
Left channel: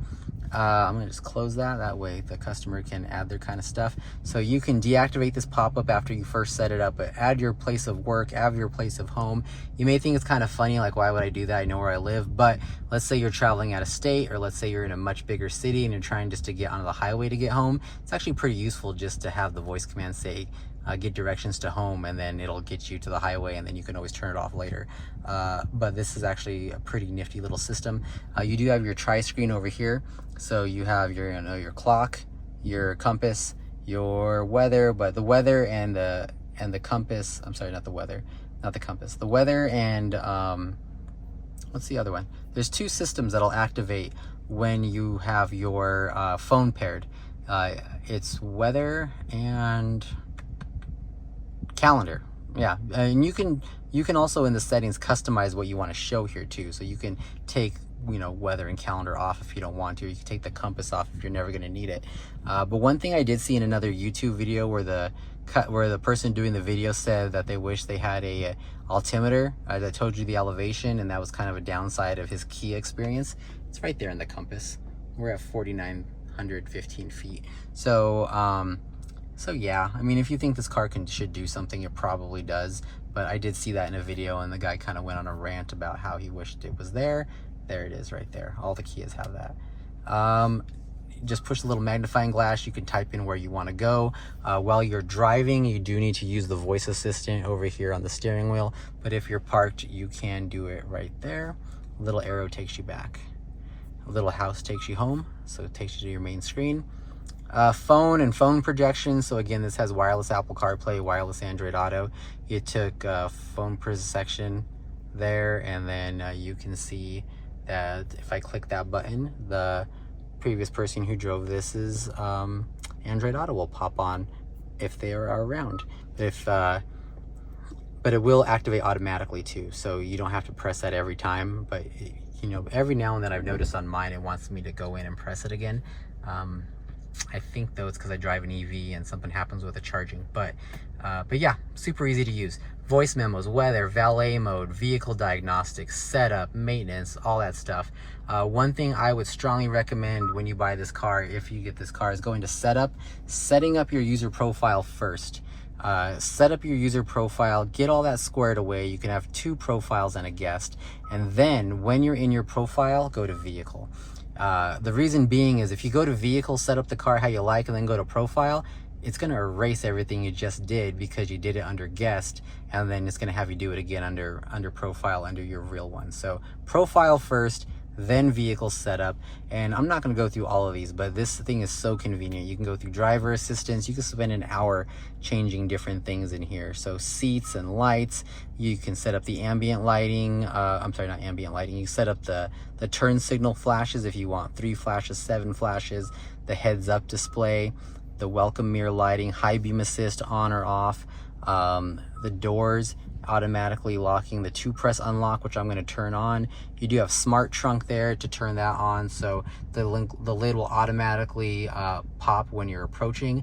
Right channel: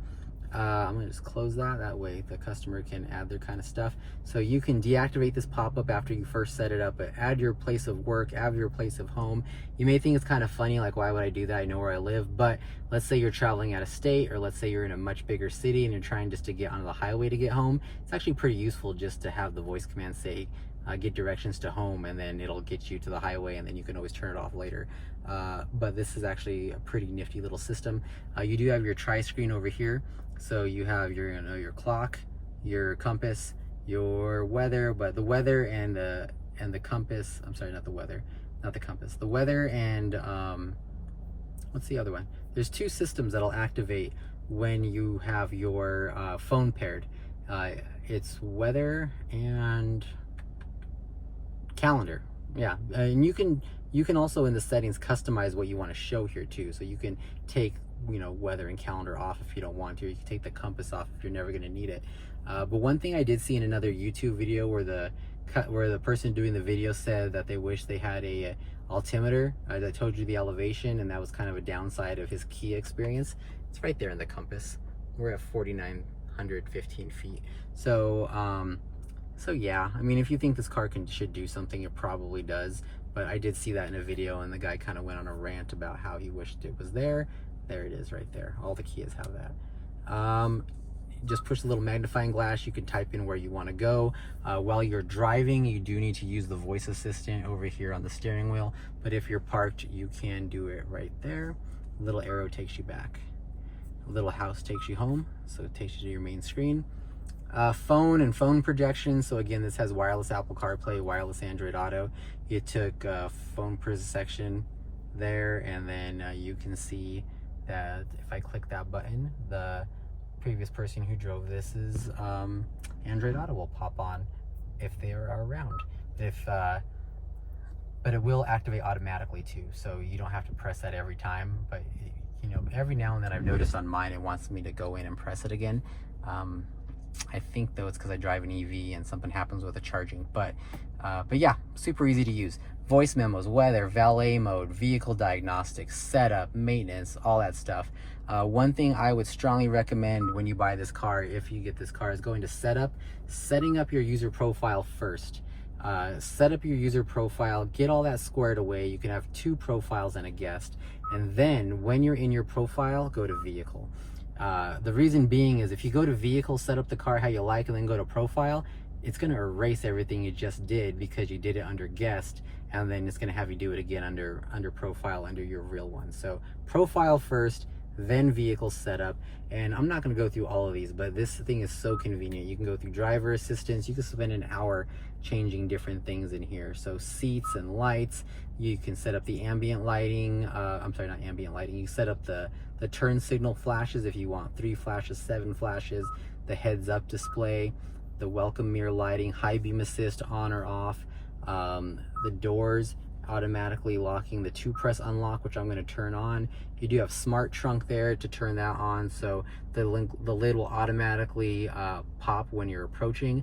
I'm gonna just close that. That way the customer can add their kind of stuff. So you can deactivate this pop-up after you first set it up, but add your place of work, add your place of home. You may think it's kind of funny, like, why would I do that? I know where I live. But let's say you're traveling out of state, or let's say you're in a much bigger city and you're trying just to get onto the highway to get home. It's actually pretty useful just to have the voice command say, get directions to home, and then it'll get you to the highway, and then you can always turn it off later. But this is actually a pretty nifty little system. You do have your tri-screen over here. So you have your, you know, your clock, your compass, your weather, but the weather and the compass, I'm sorry, not the weather, not the compass, the weather and what's the other one? There's two systems that'll activate when you have your phone paired. It's weather and calendar. Yeah, and you can also in the settings customize what you want to show here too. So you can take, you know, weather and calendar off if you don't want to. You can take the compass off if you're never going to need it. But one thing I did see in another YouTube video where the person doing the video said that they wish they had a altimeter that told you the elevation, and that was kind of a downside of his Kia experience. It's right there in the compass. We're at 4,915 feet. So so yeah, I mean, if you think this car should do something, it probably does. But I did see that in a video, and the guy kind of went on a rant about how he wished it was there. There it is right there. All the Kias have that. Just push the little magnifying glass. You can type in where you want to go. While you're driving, you do need to use the voice assistant over here on the steering wheel. But if you're parked, you can do it right there. A little arrow takes you back. A little house takes you home, so it takes you to your main screen. Phone and phone projection. So again, this has wireless Apple CarPlay, wireless Android Auto. You took phone section there, and then you can see that if I click that button, the previous person who drove this is Android Auto will pop on if they are around. But it will activate automatically too, so you don't have to press that every time. But you know, every now and then I've noticed on mine it wants me to go in and press it again. I think though it's because I drive an EV and something happens with the charging. But yeah, super easy to use. Voice memos, weather, valet mode, vehicle diagnostics, setup, maintenance, all that stuff. One thing I would strongly recommend when you buy this car, if you get this car, is going to setting up your user profile first. Set up your user profile, get all that squared away. You can have 2 profiles and a guest. And then when you're in your profile, go to vehicle. The reason being is if you go to vehicle, set up the car how you like, and then go to profile, it's going to erase everything you just did because you did it under guest, and then it's going to have you do it again under profile, under your real one. So profile first, then vehicle setup. And I'm not going to go through all of these, but this thing is so convenient. You can go through driver assistance. You can spend an hour changing different things in here. So seats and lights, you can set up the ambient lighting. I'm sorry, not ambient lighting. You set up the turn signal flashes if you want 3 flashes, 7 flashes, the heads up display, the welcome mirror lighting, high beam assist on or off, the doors automatically locking, the 2-press unlock, which I'm going to turn on. You do have smart trunk there to turn that on, so the lid will automatically pop when you're approaching.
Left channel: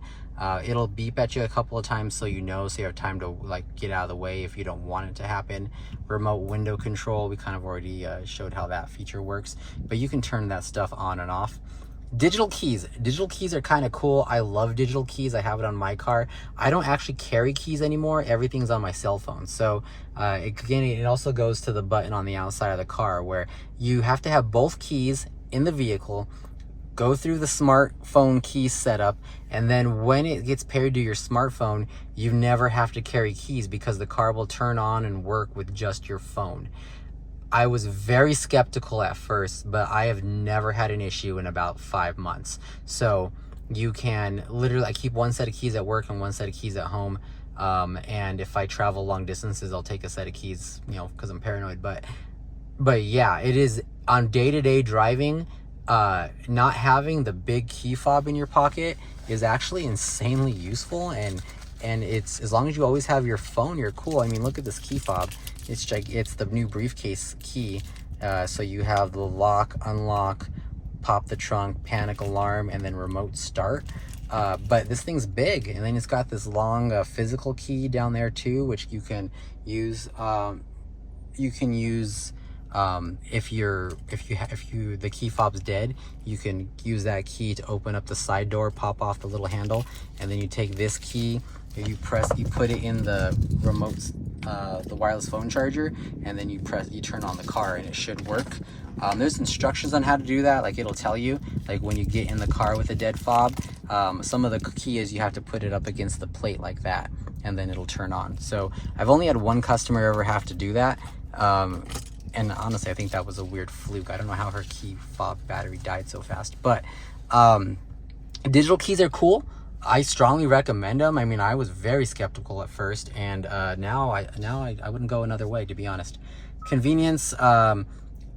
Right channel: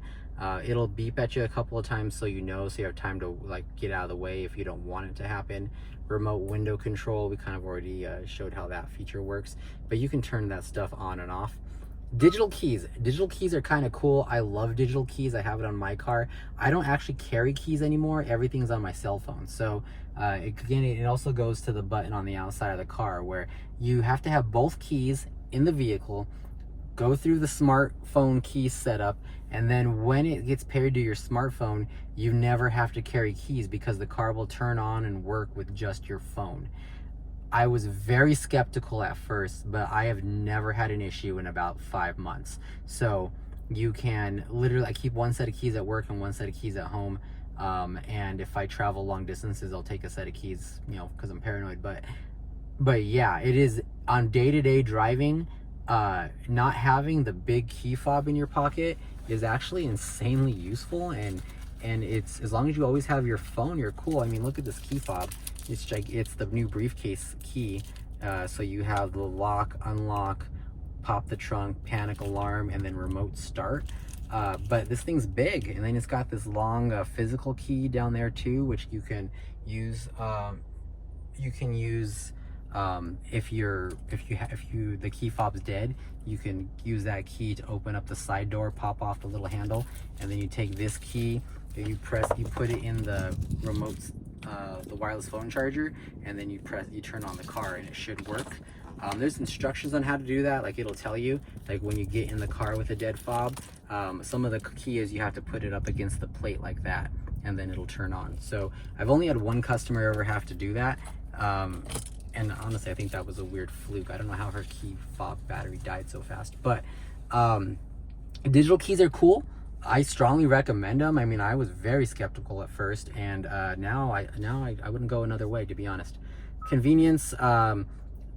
It'll beep at you a couple of times so you know, so you have time to like get out of the way if you don't want it to happen. Remote window control, we kind of already showed how that feature works, but you can turn that stuff on and off. Digital keys are kind of cool. I love digital keys. I have it on my car. I don't actually carry keys anymore. Everything's on my cell phone. So again, it also goes to the button on the outside of the car where you have to have both keys in the vehicle, go through the smartphone key setup, and then when it gets paired to your smartphone, you never have to carry keys because the car will turn on and work with just your phone. I was very skeptical at first, but I have never had an issue in about 5 months. So you can literally, I keep one set of keys at work and one set of keys at home. And if I travel long distances, I'll take a set of keys, you know, because I'm paranoid. But yeah, it is on day-to-day driving. Not having the big key fob in your pocket is actually insanely useful, and it's, as long as you always have your phone, you're cool. I mean, look at this key fob. It's the new briefcase key. So you have the lock, unlock, pop the trunk, panic alarm, and then remote start. But this thing's big, and then it's got this long physical key down there too, which you can use. If the key fob's dead, you can use that key to open up the side door, pop off the little handle, and then you take this key, you put it in the remote, the wireless phone charger, and then you turn on the car, and it should work. There's instructions on how to do that. Like, it'll tell you, like, when you get in the car with a dead fob, some of the key is you have to put it up against the plate like that, and then it'll turn on. So I've only had one customer ever have to do that. And honestly, I think that was a weird fluke. I don't know how her key fob battery died so fast. But digital keys are cool. I strongly recommend them. I mean, I was very skeptical at first, and now I wouldn't go another way, to be honest. Convenience.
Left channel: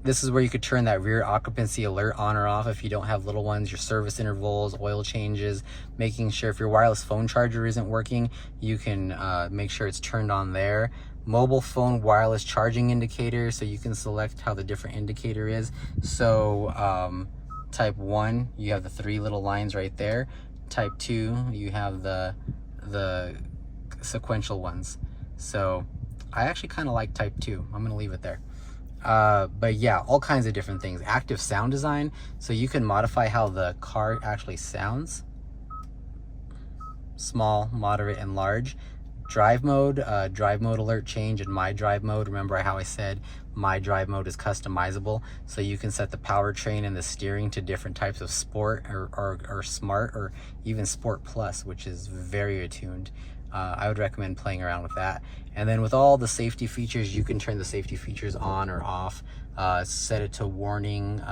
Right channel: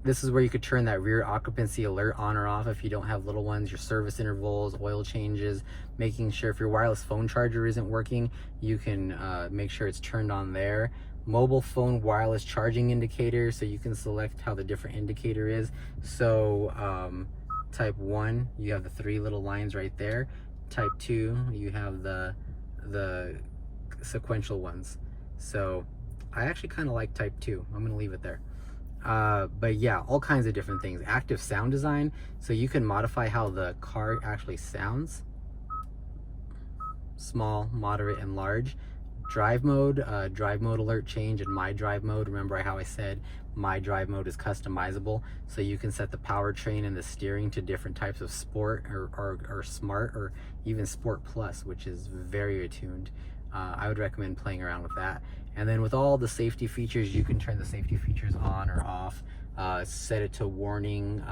This is where you could turn that rear occupancy alert on or off if you don't have little ones, your service intervals, oil changes, making sure if your wireless phone charger isn't working, you can make sure it's turned on there. Mobile phone wireless charging indicator, so you can select how the different indicator is. So type 1, you have the 3 little lines right there. Type 2, you have the sequential ones. So I actually kind of like type 2. I'm gonna leave it there. But yeah, all kinds of different things. Active sound design, so you can modify how the car actually sounds. Small, moderate, and large. Drive mode alert change, and my drive mode. Remember how I said my drive mode is customizable, so you can set the powertrain and the steering to different types of sport or smart, or even sport plus, which is very attuned. I would recommend playing around with that. And then with all the safety features, you can turn the safety features on or off, set it to warning,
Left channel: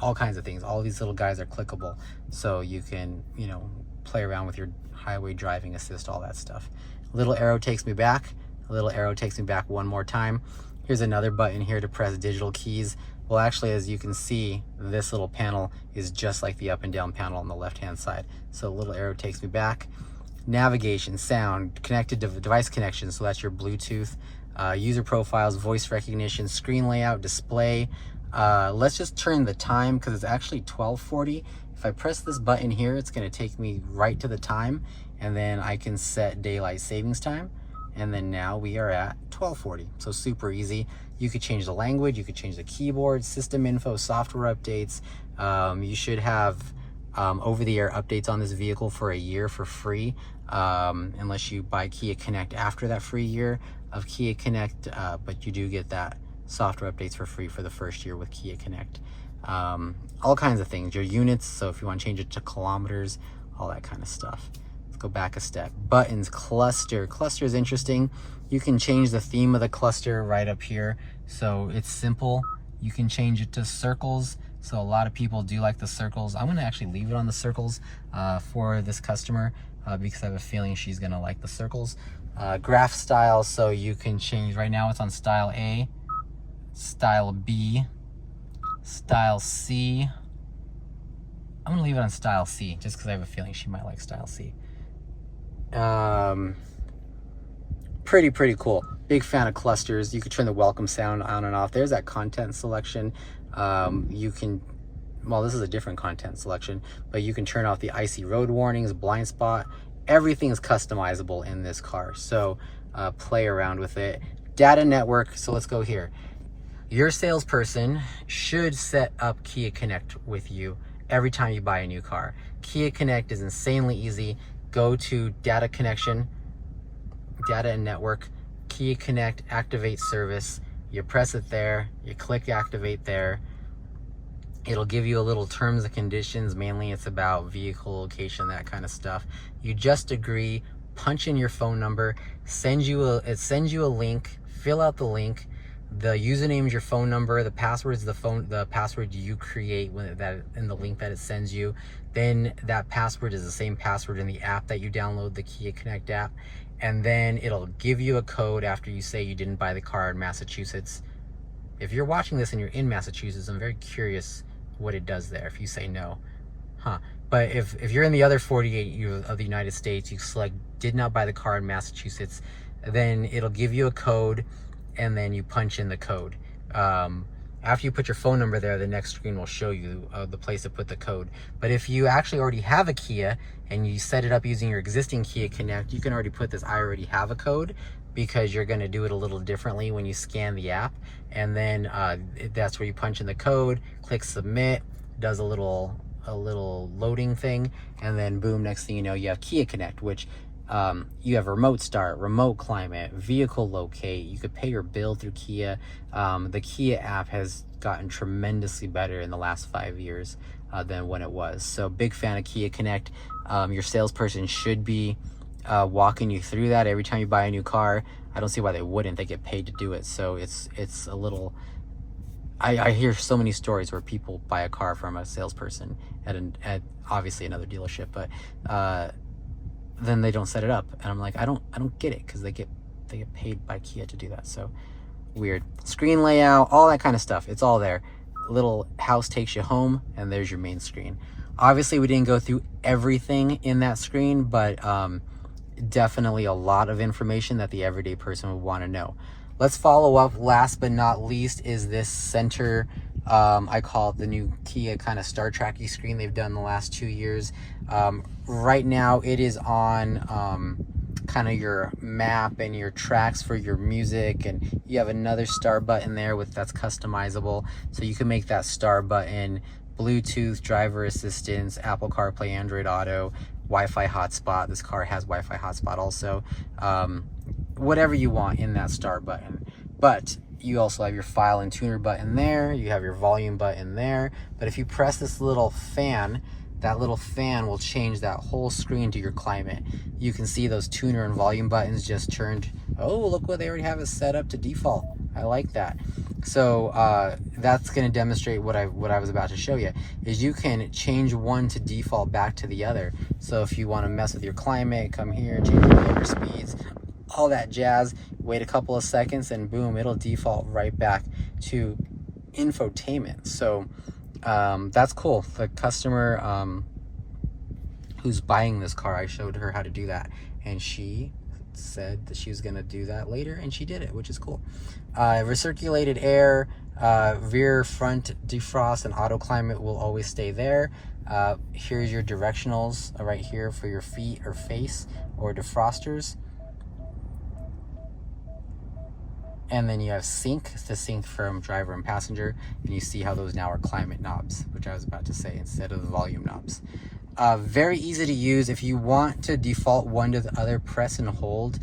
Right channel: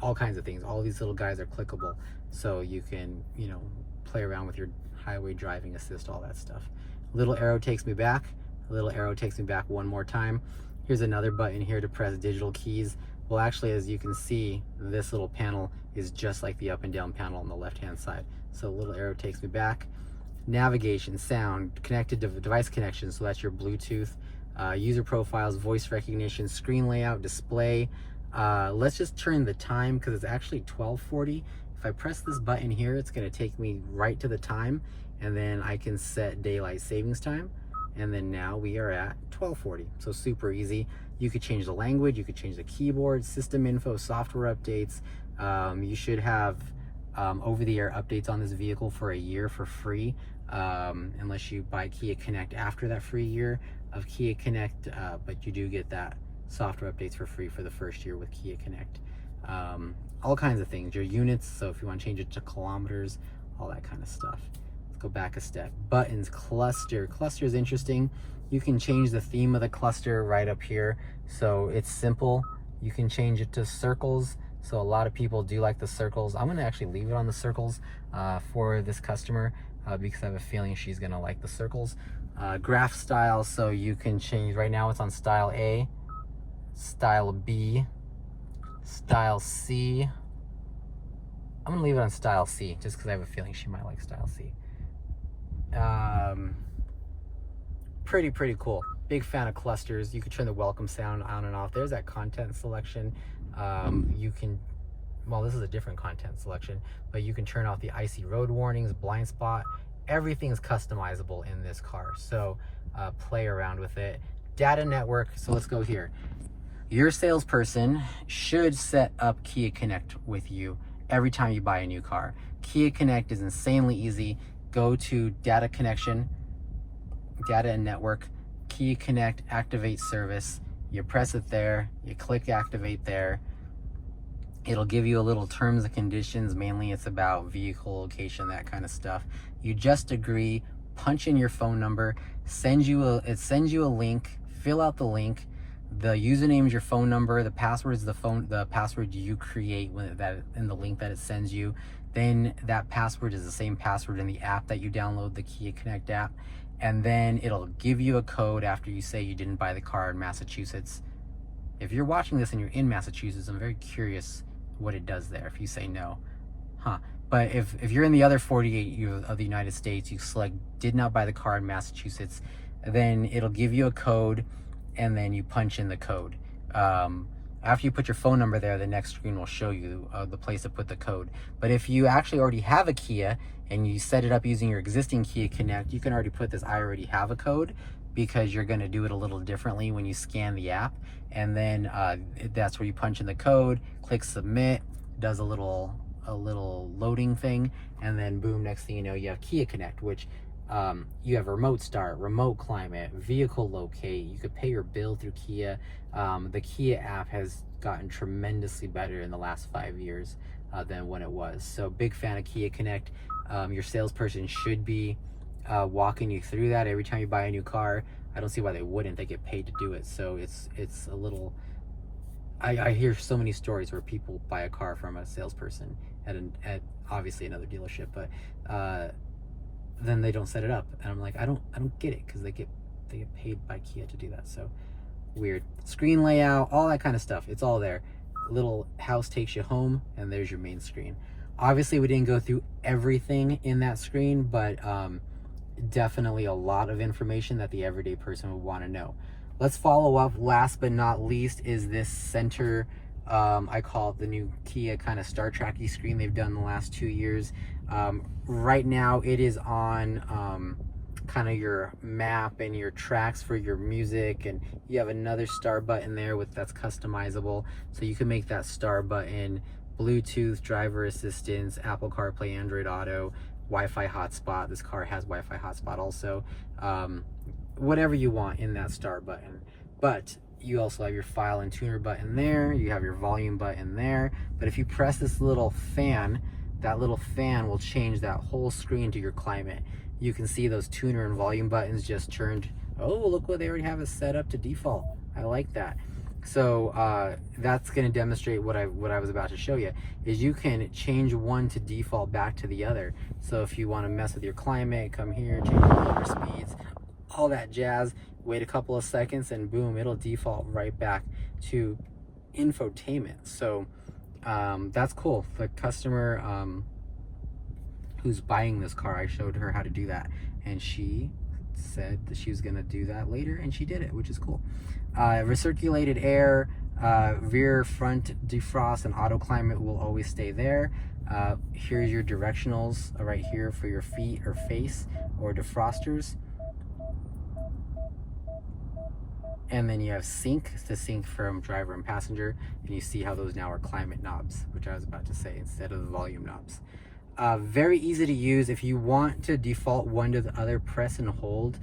all kinds of things. All of these little guys are clickable, so you can, you know, play around with your highway driving assist, all that stuff. Little arrow takes me back. A little arrow takes me back one more time. Here's another button here to press digital keys. Well, actually, as you can see, this little panel is just like the up and down panel on the left hand side. So a little arrow takes me back. Navigation, sound, connected device connection, so that's your Bluetooth, user profiles, voice recognition, screen layout, display. Let's just turn the time, because it's actually 12:40. If I press this button here, it's going to take me right to the time, and then I can set daylight savings time, and then now we are at 12:40. So super easy. You could change the language, you could change the keyboard, system info, software updates. You should have over-the-air updates on this vehicle for a year for free, unless you buy Kia Connect after that free year of Kia Connect, but you do get that software updates for free for the first year with Kia Connect. All kinds of things, your units, so if you want to change it to kilometers, all that kind of stuff. Let's go back a step. Buttons, cluster is interesting. You can change the theme of the cluster right up here, so it's simple. You can change it to circles, so a lot of people do like the circles. I'm going to actually leave it on the circles for this customer because I have a feeling she's going to like the circles. Graph style, so you can change. Right now it's on style A, style B, style C. I'm gonna leave it on style C just because I have a feeling she might like style C. Pretty cool. Big fan of clusters. You could turn the welcome sound on and off. There's that content selection. You can, well, this is a different content selection, but you can turn off the icy road warnings, blind spot. Everything is customizable in this car, so play around with it. Data network, so let's go here. Your salesperson should set up Kia Connect with you every time you buy a new car. Kia Connect is insanely easy. Go to data connection, data and network, Kia Connect, activate service. You press it there, you click activate there. It'll give you a little terms and conditions. Mainly it's about vehicle location, that kind of stuff. You just agree, punch in your phone number, it sends you a link, fill out the link. The username is your phone number. The password is the password you create when that in the link that it sends you. Then that password is the same password in the app that you download, the Kia Connect app. And then it'll give you a code after you say you didn't buy the car in Massachusetts. If you're watching this and you're in Massachusetts, I'm very curious what it does there if you say no. But if you're in the other 48 of the United States, you select did not buy the car in Massachusetts, then it'll give you a code, and then you punch in the code. After you put your phone number there, the next screen will show you the place to put the code. But if you actually already have a Kia and you set it up using your existing Kia Connect, you can already put this I already have a code, because you're going to do it a little differently when you scan the app. And then that's where you punch in the code, click submit, does a little loading thing, and then boom, next thing you know, you have Kia Connect, which you have remote start, remote climate, vehicle locate. You could pay your bill through Kia. The Kia app has gotten tremendously better in the last 5 years than when it was. So big fan of Kia Connect. Your salesperson should be walking you through that every time you buy a new car. I don't see why they wouldn't. They get paid to do it. So it's a little, I hear so many stories where people buy a car from a salesperson at obviously another dealership, but then they don't set it up, and I'm like, I don't get it, because they get paid by Kia to do that. So weird. Screen layout, all that kind of stuff, it's all there. Little house takes you home, and there's your main screen. Obviously we didn't go through everything in that screen, but definitely a lot of information that the everyday person would want to know. Let's follow up. Last but not least is this center, I call it the new Kia kind of Star Trek-y screen they've done the last 2 years. Right now it is on kind of your map and your tracks for your music, and you have another star button there that's customizable, so you can make that star button Bluetooth, driver assistance, Apple CarPlay, Android Auto, Wi-Fi hotspot. This car has Wi-Fi hotspot also. Whatever you want in that star button. But you also have your file and tuner button there. You have your volume button there. But if you press this little fan, that little fan will change that whole screen to your climate. You can see those tuner and volume buttons just turned. Oh, look what they already have it set up to default. I like that. So that's going to demonstrate what I was about to show you, is you can change one to default back to the other. So if you want to mess with your climate, come here, change your motor speeds, all that jazz, wait a couple of seconds, and boom, it'll default right back to infotainment. So that's cool. The customer who's buying this car, I showed her how to do that, and she said that she was going to do that later, and she did it, which is cool. Recirculated air, rear front defrost, and auto climate will always stay there. Here's your directionals right here for your feet or face or defrosters. And then you have sync to sync from driver and passenger, and you see how those now are climate knobs, which I was about to say, instead of the volume knobs. Very easy to use. If you want to default one to the other, press and hold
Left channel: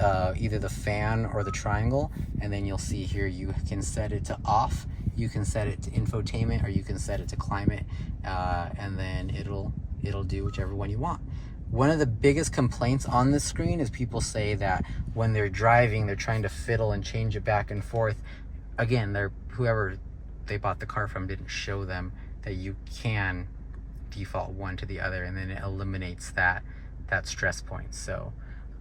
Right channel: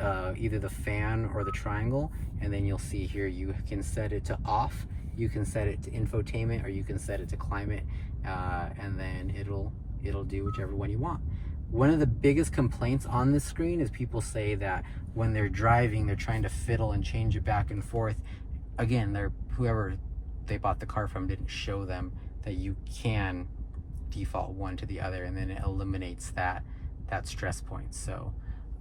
either the fan or the triangle, and then you'll see here you can set it to off, you can set it to infotainment, or you can set it to climate, and then it'll do whichever one you want. One of the biggest complaints on this screen is people say that when they're driving, they're trying to fiddle and change it back and forth. Again, whoever they bought the car from didn't show them that you can default one to the other, and then it eliminates that stress point. So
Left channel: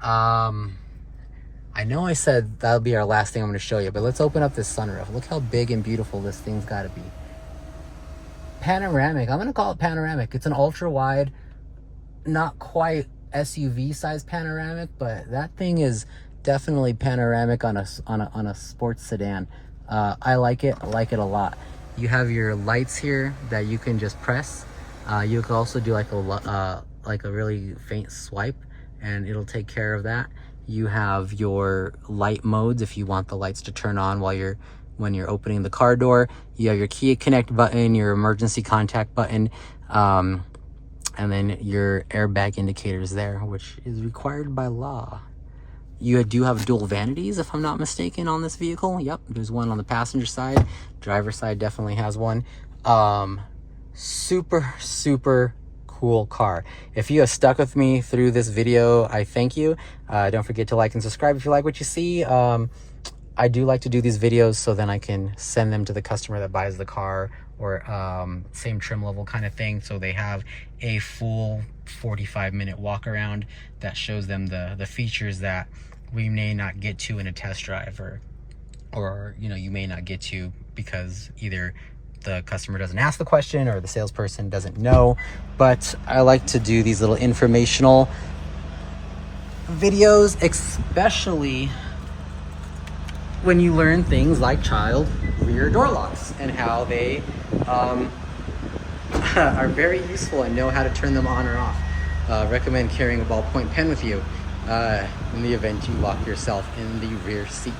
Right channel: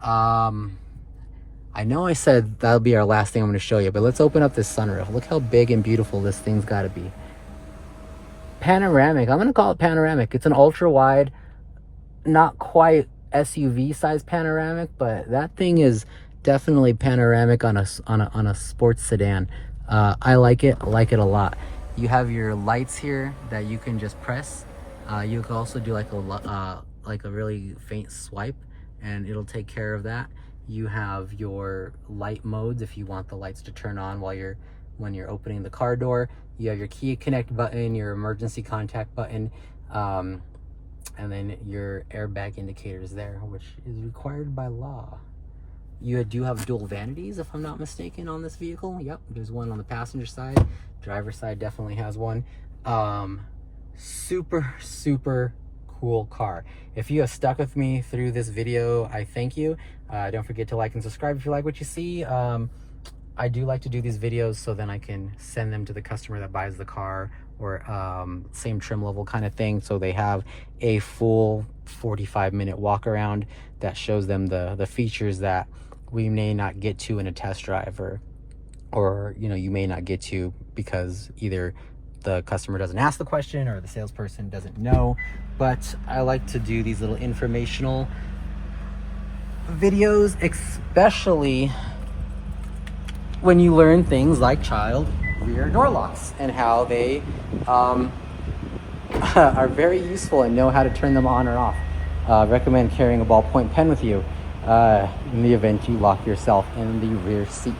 I know I said that'll be our last thing I'm going to show you, but let's open up this sunroof. Look how big and beautiful this thing's got to be. Panoramic. I'm going to call it panoramic. It's an ultra wide, not quite SUV size panoramic, but that thing is definitely panoramic on a sports sedan. I like it. I like it a lot. You have your lights here that you can just press. You can also do like a really faint swipe, and it'll take care of that. You have your light modes if you want the lights to turn on when you're opening the car door. You have your Kia Connect button, your emergency contact button, and then your airbag indicators there, which is required by law. You do have dual vanities, if I'm not mistaken, on this vehicle. Yep, there's one on the passenger side. Driver side definitely has one. Super, super cool car. If you have stuck with me through this video, I thank you. Don't forget to like and subscribe if you like what you see. I do like to do these videos so then I can send them to the customer that buys the car, or same trim level kind of thing, so they have a full 45-minute walk around that shows them the features that we may not get to in a test drive, or you know, you may not get to because either the customer doesn't ask the question or the salesperson doesn't know. But I like to do these little informational videos, especially when you learn things like child rear door locks and how they are very useful and know how to turn them on or off. Recommend carrying a ballpoint pen with you in the event you lock yourself in the rear seat.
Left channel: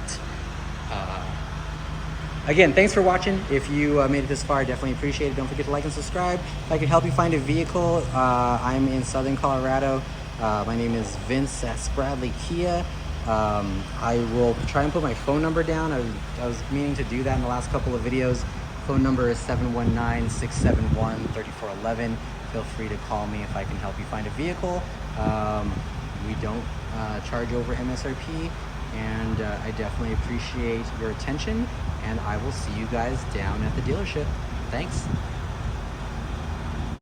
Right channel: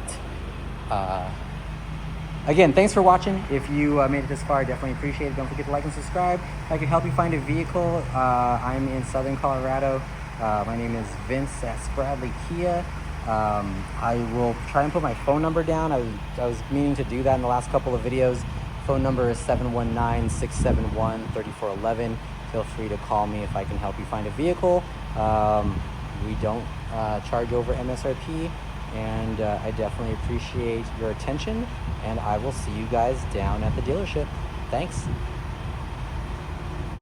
Again, thanks for watching. If you made it this far, I definitely appreciate it. Don't forget to like and subscribe. If I could help you find a vehicle, I'm in Southern Colorado. My name is Vince at Spradley Kia. I will try and put my phone number down. I was meaning to do that in the last couple of videos. Phone number is 719-671-3411. Feel free to call me if I can help you find a vehicle. We don't charge over MSRP, and I definitely appreciate your attention, and I will see you guys down at the dealership. Thanks.